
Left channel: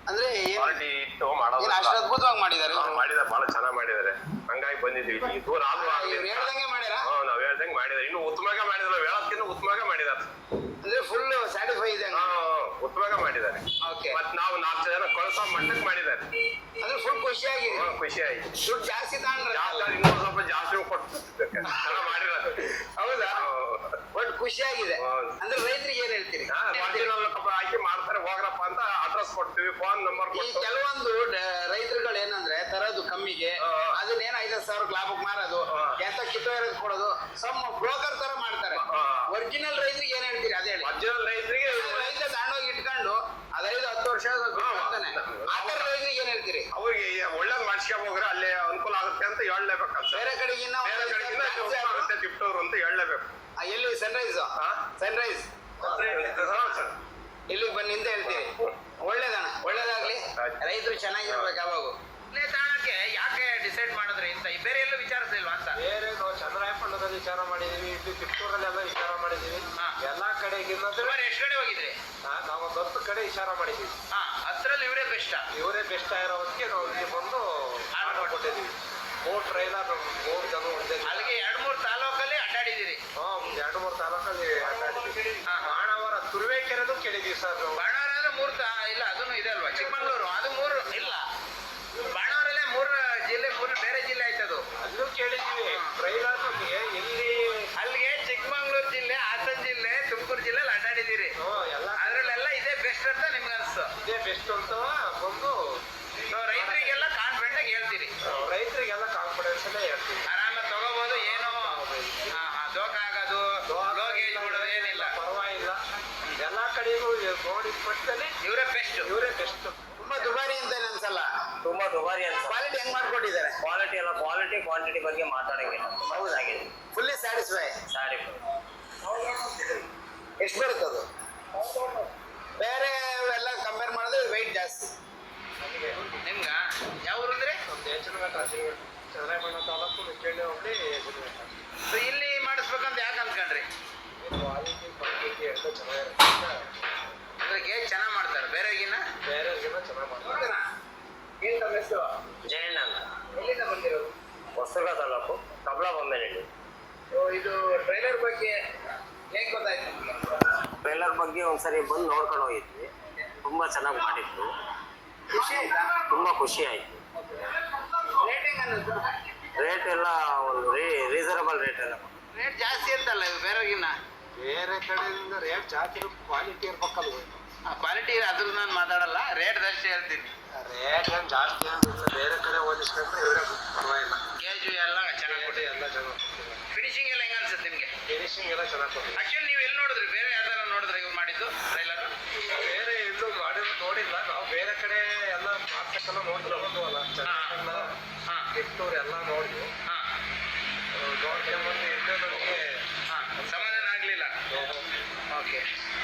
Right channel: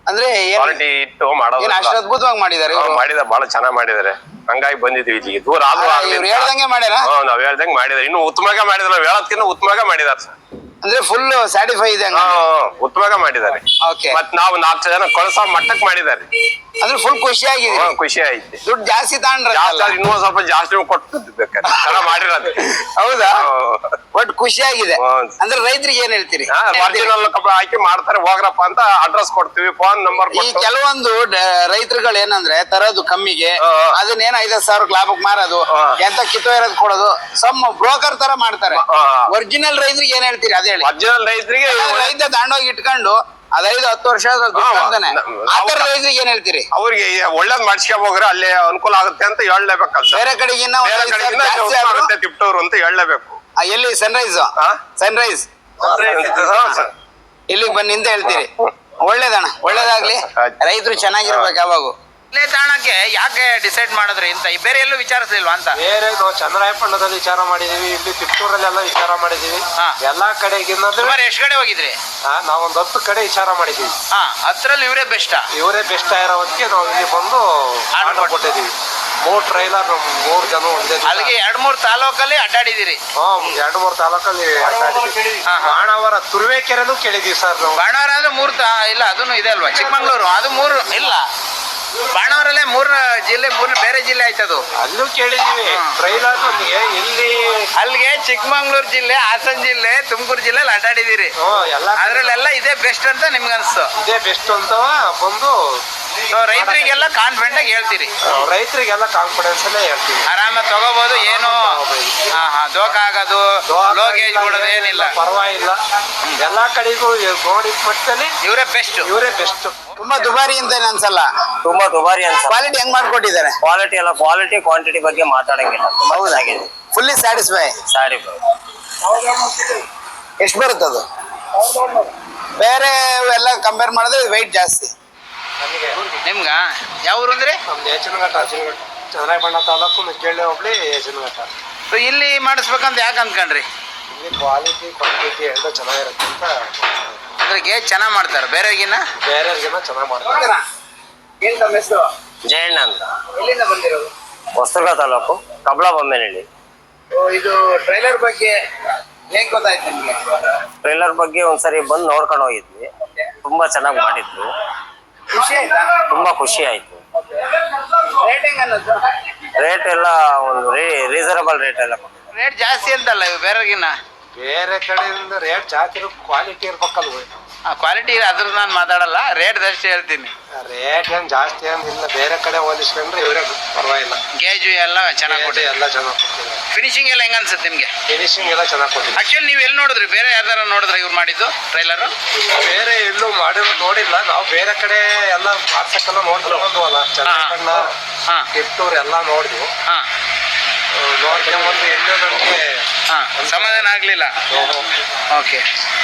ಅಂದ್ರೆ ಕ್ವಾಲಿಟಿ ಇಟ್ಟು ಮಾಡೋದು. ಅಷ್ಟು ಅದ್ಭುತವಾಗಿ ಮಾಡಿದ್ದಾರೆ ಇವರು? ಮಾಡಿದ ಬಹಳ ಚೆನ್ನಾಗಿ ಮಾಡಿದ್ದಾರೆ, ಹಂಗಾಗಿ ಬಂದಿದ್ದೀವಿ ಇಲ್ಲಿಗೆ. ದೂರ ಆದ್ರೂ ಇವ್ರು ಹೇಳ್ದಂಗೆ ಮಾಡ್ಯಾರ? ನಾವ್ ಹೇಳ್ದಂಗೆ ಮಾಡಿದಾರೆ, ಇನ್ನು ಉತ್ತಮವಾಗಿ ಮಾಡಿದಾರೆ. ನಾವ್ ಹೇಳೋದ್ಕಿಂತ ಉತ್ತಮವಾಗಿ ಮಾಡಿದಾರೆ ಸರ್. ಅಂದ್ರೆ ಫುಲ್ ಸ್ಯಾಟಿಸ್ಫೈ ಇದೆ? ಉತ್ತಮವಾಗಿ ಮಾಡಿದ್ದಾರೆ. ಓಕೆ. ಮತ್ ನಾವು 4 ಜನ ಕಳ್ಸೋ ಮಟ್ಟಕ್ಕೆ ಮಾಡಿದ್ದಾರೆ. ಅಂದ್ರೆ ಫುಲ್ ಖುಷಿ ಆಗಿದೆ? ಖುಷಿ ಆಯ್ತು. ದುಡ್ಡು ಜಾಸ್ತಿ ತಗೊಂಡ್ರ? ಇನ್ನೂ ಸ್ವಲ್ಪ ಜಾಸ್ತಿ ಕೊಟ್ಟು ಚೆನ್ನಾಗಿ ಮಾಡಿರೋದು. ಹೌದಾ? ಬಟ್ ಖುಷಿ ಆಗಿದೆ. ಅಂದ್ರೆ ರೈತರಿಗೆ ಏನ್ ಹೇಳ್ತೀರಿ? ಒರಿಜಿನಲ್ ಕಬ್ಬ ಹಾಕಿ ಮಾಡ್ತಾರೆ, ಹೋಗ್ರಪ್ಪ ಅಂತ ಅಡ್ರೆಸ್ ಕೊಡ್ತೀವಿ, ಫೋನ್ ನಂಬರ್. ಈ ಕೆಲವೊಂದು ರೈತರುಗಳು ಏನಂದ್ರೆ ತರೋದು ಕಮ್ಮಿಗೆ, ಅದನ್ನೇನ 5,000 ಲಾಭಕ್ಕೆ ಮಾರೋದು, ಎಂತ ಕಿತ್ತೋ ಇರೋದು ಕೊಡೋದು, ಸಮ್ ಬ್ರೋಕರ್ ತರ ಮಾಡ್ತಾರೆ. ಒರಿಜಿನಲ್ ರೈತರಿಗೆ ಏನ್ ಹೇಳ್ತೀರಿ ಅದೇ ಹೇಳಿ? ಒರಿಜಿನಲ್ ರೈತರಿಗೆ ರೈತ ದಾಂಡೋಗಿ ಇಟ್ಕೊಂಡು 5-10 ವರ್ಷ ಆತರ ರೈತರಿಗೆ ಏನ್ ಹೇಳ್ತೀರಿ? ಅವ್ರಿಗೆ ಒಳ್ಳೇದ್ ಮಾಡಿಸ್ಕೋಬೋಗ್ರೆ ಅಲ್ಲೇ ಅನುಕೂಲ ಆಗುತ್ತೆ ಅಂತ ಹೇಳಲೇಬೇಕಲ್ಲ. ಬೇರೆ ಕಡೆಗಿನ್ನ ಆಗುತ್ತೆ ತಿಪ್ಟೂರು ಅಂತ ಹೇಳಲೇಬೇಕು. ಎಲ್ಲಿ? ಸನ್ರೈಸ್ ಇಲ್ಲಿಗೆ ಬನ್ನಿ ಅಂತ ಹೇಳ್ತೀರಿ? ಒಳ್ಳೇದಣ್ಣ, ಒಳ್ಳೇದಾಗ್ಲಿ. ರೈತರು ಚೆನ್ನಾಗಿರ್ಬೇಕು ಯಾವಾಗೂ. ಇಲ್ಲೇ ತಾಣಕ್ಕೆ ಯಾಕೆ ಡಿಸೈಡ್ ಮಾಡಿದ್ರಿ ಅಂತ ಬೇರೆ ಎಲ್ಲೂ ವಿಚಾರಿಸಲಿಲ್ವಾ ಅಂತ? ಬೇರೆ ನಾವು ಚನ್ನರಾಯಪಟ್ಟಣದಲ್ಲಿ ವಿಚಾರ ಮಾಡಿದೀವಿ, ಇಲ್ಲಿ ತಿಪ್ಟೂರಲ್ಲೆಲ್ಲ ವಿಚಾರ ಮಾಡಿದೀವಿ. ಎಲ್ಲಾ ಕಡೆಗಿನ್ನ ಸುಮಾರು ಎಷ್ಟು ಕಡೆ ಹೋಗಿದ್ರಿ? ನಾವೊಂದು 10 ಕಡೆ ವಿಚಾರ ಮಾಡಿದೀವಿ. ಅದ್ರಲ್ಲಿ ಇವರೇ ಬೆಸ್ಟ್ ಇರೋದಕ್ಕೆ ನಾವು ಇಲ್ಲಿ ಬಂದು ಆರ್ಡರ್ ಕೊಟ್ಟಿದ್ದೀವಿ. 3 ಟ್ರೈಲರ್, 3 ಜನ ಒಂದೇ. ಅಲ್ಲಿಗೆ 2-3 ತಾಲೂಕಲ್ಲಿ ಅಡ್ಡಾಡಿದಿರಿ? 2-3 ತಾಲೂಕಲ್ಲಿ ಅಡ್ಡಾಡಿದ್ದೀವಿ. ಬಾಣಾವರ ತುರುವೇಕೆರೆನೂ ಕೇಳಿದೀವಿ ಸರ್ ನಾವು. ಬಾಣಾವರ ಅಂದ್ರೆ 3 ಇಲ್ಲ, ಅದನ್ನು ಇದೆ ಅಲ್ವಾ? ಚಿಕ್ಕಮಂಗ್ಳೂರು ಅದು 3 ಇಲ್ಲ. ಬಾಣಾವರಲ್ಲೇ 3 ಜಿಲ್ಲೆ, 3 ಬೇರೆ ಜಿಲ್ಲೆ ಆಯ್ತದು. ಅಲ್ಲೂ ಕೇಳಿದೀವಿ ಟ್ರೈಲರ್. ಇಲ್ಲಿ ಅಲ್ಲಿಗೆ ಚಿಕ್ಕಮಂಗ್ಳೂರು ಜಿಲ್ಲೆ, ಹಾಸನ ಜಿಲ್ಲೆ, ತುಮಕೂರು ಜಿಲ್ಲೆಯಲ್ಲಿ ಅಡ್ಡಾಡಿದಿರಿ. ಅದ್ರಲ್ಲೆಲ್ಲ ಇದೇ ಬೆಸ್ಟ್ ಅಂತ ನಿಮ್ಗೆ ಅನ್ಸ್ತು? ಇದೇ ಬೆಸ್ಟ್ ಅಂತ ಬಂದು ರೈತರಿಗೆಲ್ಲ ಕಾನ್ಫಿಡೆಂಟ್ ಆಗಿ ಹೇಳ್ತೀರಿ? ರೈತರಿಗೆಲ್ಲ ಕಾನ್ಫಿಡೆನ್ಸ್ ಅಲ್ಲೇ ಹೇಳ್ತೀವಿ. ಆರಾಮಾಗಿ ತಗೋಬಹುದು, ಏನು ದೋಖ ಆಗೋದು, ಲೋಗೇಜ್ ಕೊಡೋದು ಏನಿಲ್ಲ, ಪರವಾಗಿಲ್ಲ. ಎಲ್ಲಾ ಕಡೆಗೂ ನೋಡಿ ಪಟ್ಟನೆ ಇವರೇ ಬೆಸ್ಟ್. ತುಂಬಾ ದುಬಾರಿ ಅಂತ ಅನ್ಸಲ್ಲ? ತುಂಬಾ ದುಬಾರಿ ಅನ್ಸ. ಕ್ವಾಲಿಟಿ ಹೆಂಗ್ ಮಾಡ್ಕೊಟ್ಟಿದ್ದಾರೆ? ಕ್ವಾಲಿಟಿ ಕ್ವಾಂಟಿಟಿ ಬಗ್ಗೆ ಮಾತಾಡಂಗಿಲ್ಲ. ಹೌದಾಗಿದೆ. Fully satisfy? ಎಷ್ಟು ಬರುತ್ತದು? ಬೇರೆ ಎಲ್ಲ ಕಂಪೇರ್ ಮಾಡಿದ್ರೆ ವೆಯ್ಟ್ ಜಾಸ್ತಿ. ನಿಮ್ಗ ಯಾವ ಊರು ಅಂದ್ರೆ? ಯಚನಘಟ್ಟ, ಚನ್ನರಾಯಪಟ್ಟಣ ತಾಲೂಕು ಮೆಕ್ಕೇಳಿ ಹೋಗ್ಲಿ ಯಚನಘಟ್ಟ. ಇಲ್ಲಿ ಮಾಡಿಸ್ಬೇಕಂತ ಯಾಕೆ ಅಂದ್ಕೊಂಡ್ರಿ? ಇಲ್ಲಿ ಕ್ವಾಲಿಟಿ ಕ್ವಾಂಟಿಟಿ ಎಲ್ಲ ಚೆನ್ನಾಗಿರುತ್ತೆ ಅಂತ. ಅದ್ರಿಗೆ ಚೆನ್ನಾಗಿ ಮಾಡ್ತಾರೆ, ಬೇರೆಯವ್ರಿಗಿನ್ನ ಚೆನ್ನಾಗಿ ಮಾಡ್ತಾರೆ. ಏನ್ ತಮ್ಮ ಹೆಸರು? ಜಯಣ್ಣ ಅಂತ. ಎಲ್ಲಿಂದ ಬಂದಿರೋದು? ಹೊಸದುರ್ಗ ತಾಲೂಕು, ಕಬಳ ಬೊಮ್ಮೆನಹಳ್ಳಿ. ಇದು ಟ್ರೈಲರ್ ಬಗ್ಗೆ ಹೇಗ್ ಗೊತ್ತಾಯ್ತು ನಿಮ್ಗೆ? ಟ್ರೈಲರ್ ಬಗ್ಗೆ ಒಂದ್ಸರಿ ಬಂದು ನೋಡ್ಕೊಂಡು ಹೋಗಿದ್ವಿ. ತುಂಬಾ ಚೆನ್ನಾಗಿ ಮಾಡಿದ್ರು. ಖುಷಿ ಆಯ್ತಾ? ತುಂಬಾ ಖುಷಿ ಆಯ್ತು. ರೇಟಿಂಗ್ ಅನ್ನೋದು ರೇಟ್ ಎಲ್ಲ ಒಂದು ರೀಸನಬಲ್ ರೇಟ್ ಎಲ್ಲ ಕೊಟ್ಟಿದ್ದಾರೆ. ರೇಟ್ ಜಾಸ್ತಿ ಅಂತಲ್ಲ ಇವು ಬೇರೆಗಿನ್ನ? ಬೇರೆ ಕಡೆಯಿಂದ ರೇಟ್ ಜಾಸ್ತಿ ಕ್ವಾಲಿಟಿ ಇರ್ಬೇಕಲ್ವ? ಕ್ವಾಲಿಟಿ ಅದ್ರ ನಾನು ಮಾತಾಡಲ್ಲ, ರೇಟ್ ಅಷ್ಟೇ ಹೇಳ್ತೀನಿ. ರೇಟ್ ಏನ್ ಜಾಸ್ತಿ ಏನಿಲ್ಲ, ಬೇರೆ ಕಡೆ ಹೋಲಿಸ್ಕೊಂಡ್ರೆ ಇವರೇ ಪರವಾಗಿಲ್ಲ. ಗೇಜು ಎಲ್ಲ ಚೆನ್ನಾಗಿ ಕೊಟ್ಟಿದೆ. ಎಲ್ಲ ಚೆನ್ನಾಗಿ ಕೊಟ್ಟಿದ್ದಾರೆ. ಫಿನಿಶಿಂಗ್ ಎಲ್ಲ ಹೆಂಗ ಅನ್ಸುತ್ತೆ ನಿಮ್ಗೆ? ಫಿನಿಶಿಂಗ್ ಎಲ್ಲ ಚೆನ್ನಾಗಿ ಕೊಟ್ಟಿದ್ದಾರೆ. ಆಕ್ಚುಲಿ ನೀವು ಎಲ್ಲಿ ನೋಡಿದ್ರಿ? ಬೇರೆ ಯಾವ್ದಾರ ನೋಡಿದ್ರೆ ಇವ್ರು ಮಾಡಿದ್ದು ಟ್ರೈಲರ್? ಬೇರೆ ಎಲ್ಲೂ ಮಾಡಿರೋ ನೋಡಿಲ್ಲ ನಾವು. ಬೇರೆ ಕಡೆ ಎಲ್ಲ ಮಾಡ್ಸಕ್ಕೆಲ್ಲ ನೋಡ್ಕೊಂಡ್ವಲ್ಲ, ಚೆನ್ನಾಗಿ ಕಿತ್ತೂರು ಎಲ್ಲ ನೋಡಿದ್ವು. ನೋಡ್ಕೊಂಡ್ಬಂದು ಎಲ್ಲೂ ನಮಗೆ ಸಮಾಧಾನ ಆಗ್ಲಿಲ್ಲ. ಓಕೆ,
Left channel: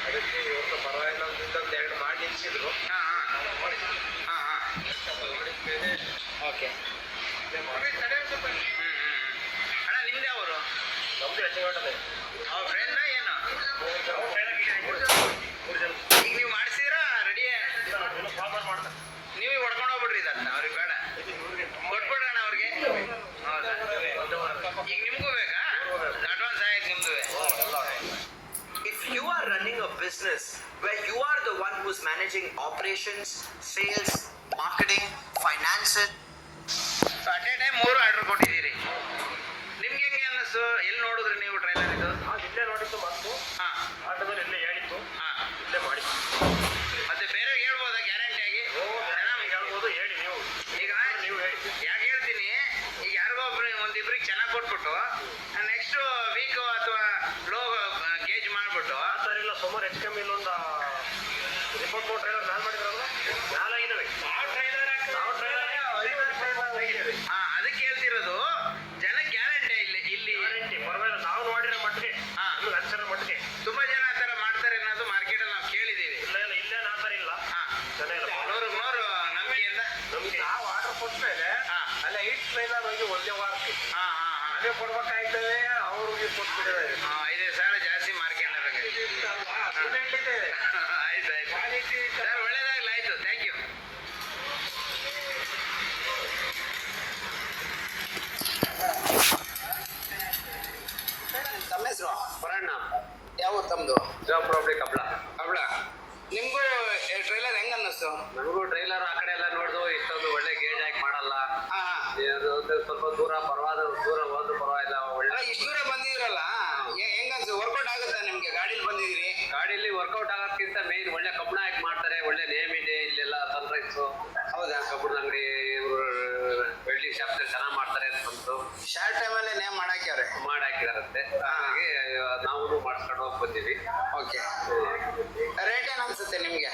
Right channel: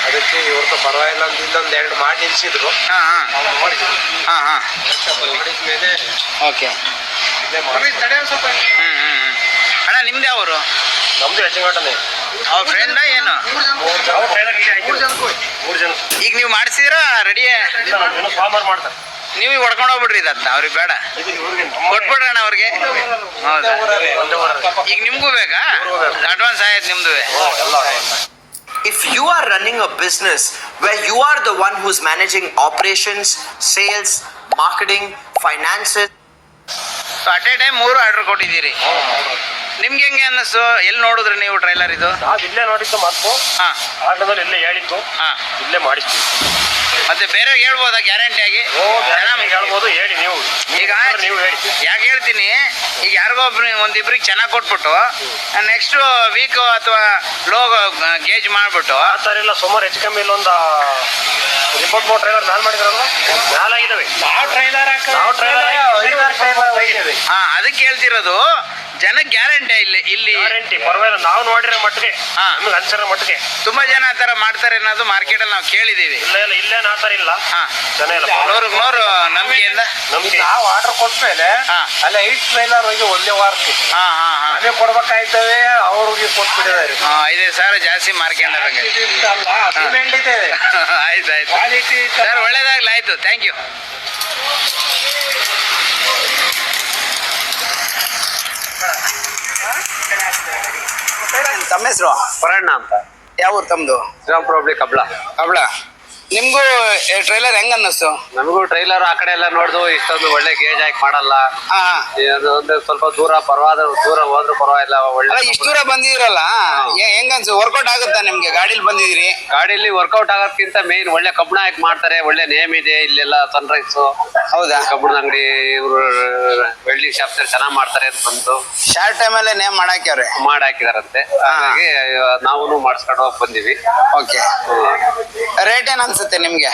ಅದಕ್ಕೆ ಇವ್ರದ್ದು ಪರವಾಗಿಲ್ಲ ಅಂತ ಇಲ್ಲೊಂದು 2 ಮಾಡಿ ನಿಲ್ಸಿದ್ರು. ನೋಡಿದ್ವಿ. ನೋಡಿದ್ಮೇಲೆ ಓಕೆ. ಇದೇ ಮಾಡಿ. ಅಣ್ಣ ನಿಮ್ದು ಯಾವರು? ನಮ್ದು ಹೆಚ್ಚಿನ ಅವ್ರ ಫ್ರೆಂಡ ಏನು? 3 ಜನ. ಈಗ ನೀವು ಮಾಡಿಸಿದ್ರ ರೆಡಿ? ಮಾಡ್ತಾರೆ. ನೀವು ಹೊಡ್ಕೊಂಡು ಹೋಗ್ಬಿಡ್ರಿ ಇದನ್ನ, ಅವ್ರಿಗೆ ಬೇಡ, ಕೊಟ್ಬಿಡ್ರಣ್ಣ ಅವ್ರಿಗೆ. ಹೌದಾ? ಈಗ ನಿಮ್ಗೂ ಬೇಕಾ? ಅಡ್ವಾನ್ಸ್ ಆಯ್ತು ನಿಮ್ದು? If you are running a business where you are the one who's managing operations, sales, marketing, finances, at A time 3 order ಕೊಟ್ಟಿದ್ದೀರಿ. ನಿಮ್ಗೆ ಹೆಂಗೆ ಅನ್ನಿಸ್ತು? ಎಲ್ಲಿ ನೋಡಿದ್ರಿ ನೀವು ಟ್ರೈಲರ್ ಇದು? ನಾವು ಇಲ್ಲೇ ನೋಡಿದ್ದು ಮತ್ತು ಆಟೋದಲ್ಲಿ ಇಲ್ಲೇ ಹೇಳಿದ್ದು, ಇಲ್ಲೇ ಮಾಡಿಸ್ತೀವಿ. ಮತ್ತೆ ಬೇರೆ ಹೇಳ್ಬೋದಾ ಗ್ಯಾರಂಟಿ ಆಗಿ? ಹೇಳ್ಬೋದು, ಹೇಳಿ ನೀವು. ಈಗ ನೀವು ಹೇಳಿ. ಯಾಕೆ ಹೇಳ್ತೀನಿ, ಈಗ ಯಾರಿಗೋ ಒಂದಿಬ್ರಿಗೆ ಚೆನ್ನಾಗಿ ಕೊಟ್ಬಿಟ್ಟು ನೆಕ್ಸ್ಟ್ ವೀಕ್ ಅಥವಾ ಲೋ ಗೇಜ್ ಮಾಡ್ಬಿಟ್ಟು ಆ ಥರ ಇಲ್ಲ. ಸುಮಾರು ಹೆಚ್ಚು ಕಮ್ಮಿ ಇಲ್ಲೊಂದು 23 ಟ್ರೈಲರ್ ನಾನು ಮಾಡಿದ್ರಲ್ವ, ನಾಲಾಗಿದ್ದಾವೆ. ಅದಕ್ಕೆ ಹೇಳ್ತಿರೋದು, ಜನಕ್ಕೆ ಗ್ಯಾರಂಟಿ ಇಲ್ಲಿ ಗ್ಯಾರಂಟಿ ಪರವಾಗಿಲ್ಲ. ನಾವು ನೋಡಿರೋ ಮಟ್ಟಿಗೆ, ನಮ್ಗೆ ಅನ್ಸಿರೋ ಮಟ್ಟಿಗೆ ತುಂಬಾ ಜನ ಆ ಥರ ಮಾಡ್ತಾರೆ ಅನ್ನೋದು ಮಾರ್ಕೆಟ್ ಅಲ್ಲಿ ನಾವು ಕೇಳಿದೀವಿ. ಇಲ್ಲೇನು ಆ ಥರ ಇಲ್ಲ. ಜನ ಇಲ್ಲ 100% ನಂಬಿಕೆಯಿಂದ ನಮ್ಗೆ ನಾವು ಆರ್ಡರ್ ಕೊಟ್ಮೇಲೆ ಅಲ್ಲ 8 ಟ್ರೈಲರ್ ಹೋಗಿ ಒಂದೇ ವಾರಕ್ಕೆ ಅದೇ ಕೊಡ್ಬೇಕಾಯ್ತವೆ, ಅವ್ರಿಗೆ ಕೊಟ್ಬಿಟ್ಟಿದ್ದಾರೆ. 5,000 ಜಾಸ್ತಿ ಮಾರ್ಕೊಂಡಾರಂಗೆ. ಆಯ್ತು ಸರ್, ಒಳ್ಳೇದಾಗ್ಲಿ. ಆಯ್ತು, ಥ್ಯಾಂಕ್ ಯು. ತಮ್ಮ ಹೆಸರು? ಪರಣ್ಣ ಅಂತ. ಯಾವ ಊರು ತಮ್ಮದು? ಶ್ರೀರಾಮಪುರ ಕಬ್ಳ. ಕಬ್ಳ. ನಿಮ್ಗೂ ಟ್ರೈಲರ್ ಹೆಂಗ ಅನ್ನಿಸ್ತು? ನಮಗೂ ಟ್ರೈಲರ್ ಆ ಕಡೆ ಎಲ್ಲ ನೋಡ್ದು ಇಷ್ಟೊಂದು ಒಳ್ಳೆ ಗೇಜ್ ಹಾಕಿ ಮಾಡಲ್ಲ. ಒಂದು ಸ್ವಲ್ಪ ದೂರ ಹೋದ್ರು ಪರವಾಗಿಲ್ಲ. ಒಳ್ಳೆ ಇಷ್ಟು ದೂರ ಬಂದಿದಿರಲ್ಲ, ಹೆಂಗನ್ಸು? ವರ್ಕೌಟ್ ಆಗುತ್ತಾ ನಿಮ್ಗೆ? ಗಾಡಿಲಿ ಬಂದಿದ್ದೀರಿ. ಗಾಡಿಲಿ ವರ್ಕೌಟ್ ಆಗೋದಕ್ಕಿಂತ ಮೇನ್ ಒಳ್ಳೆ ಕಬ್ಬಣ ಹಾಕಿ ಮಾಡ್ತಾರೆ. ಒಳ್ಳೆ ನೇಮ್ ಇದೆ ಇಲ್ಲೆಲ್ಲ. ಸನ್ರೈಸ್. ಹೌದಾ? ಕಬ್ಬಣದ ಅಂಗಡಿ ಇವರು ವೆಲ್ಡಿಂಗ್ ಶಾಪ್ ಚೆನ್ನಾಗಿ ಮಾಡ್ತಾರೆ ಅಂತ ಬಂತು. ಶಾರ್ಟ್ ಟೈಮಲ್ಲೇ ನೇಮ್ ಮಾಡಾಕ್ಯವ್ರೆ. ಮಾಡಾಕಿದಾರಂತೆ. ಹಾಗಾಗಿ ನಾವು ಮಾಡಿಸ್ಕೊಂಡು ಹೋಗಿ ಬಂದಿವಿ. ಓಕೆ. ರೇಟ್ ಏನ್ ಅನ್ಸುತ್ತೆ ನಿಮ್ಗೆ?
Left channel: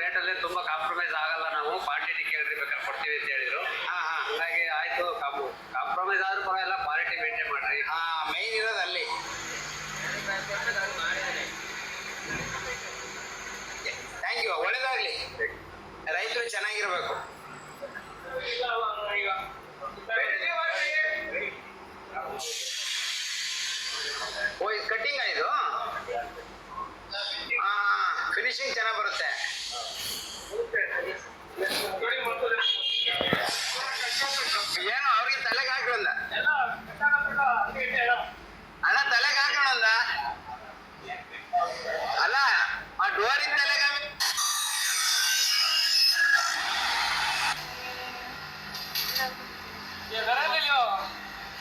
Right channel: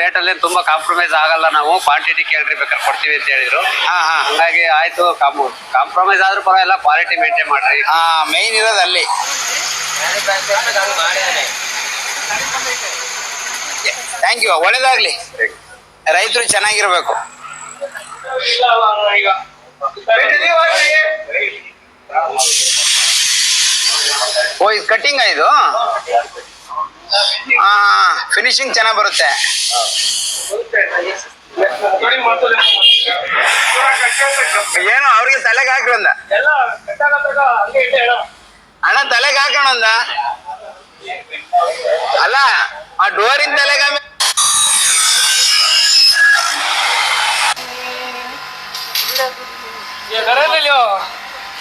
ರೇಟಲ್ಲಿ ತುಂಬಾ ಕಾಂಪ್ರಮೈಸ್ ಆಗಲ್ಲ. ನಾವು ಕ್ವಾಂಟಿಟಿ ಕೇಳ್ರಿ ಬೇಕಾದ್ರೆ ಕೊಡ್ತೀವಿ ಅಂತ ಹೇಳಿದ್ರು. ಹಂಗಾಗಿ ಆಯ್ತು, ಕಾಂಪ್ರಮೈಸ್ ಆದ್ರೂ ಪರವಾಗಿಲ್ಲ, ಕ್ವಾಲಿಟಿ ಮೇಂಟೈನ್ ಮಾಡ್ರಿ. ಮೇನ್ ಇರೋದು ಅಲ್ಲಿ. ಥ್ಯಾಂಕ್ ಯು, ಒಳ್ಳೇದಾಗ್ಲಿ. ರೈತರು ಚೆನ್ನಾಗಿರ್ಬೇಕು. ಓ, ಇದು ಕಟ್ಟಿಂಗ್ ಇದು? ಫಿನಿಶಿಂಗ್ ಚೆನ್ನಾಗಿ ಬರುತ್ತೆ. ಏನೋ ಅವ್ರಿಗೆ ತಲೆಗೆ ಹಾಕೋಣ ಅಣ್ಣ, ತಲೆಗೆ ಹಾಕೋಣ ಅಲ್ಲ, ಆ ಡೋರಿನ ತಲೆಗೆ.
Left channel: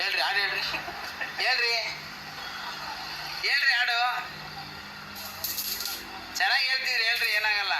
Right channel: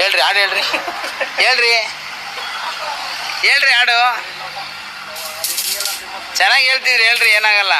ಹೇಳ್ರಿ ಹಾಡು, ಹೇಳ್ರಿ ಹಾಡು. ಚೆನ್ನಾಗಿ ಹೇಳ್ತಿದ್ರಿ, ಹೇಳ್ರಿ, ಏನಾಗಲ್ಲ.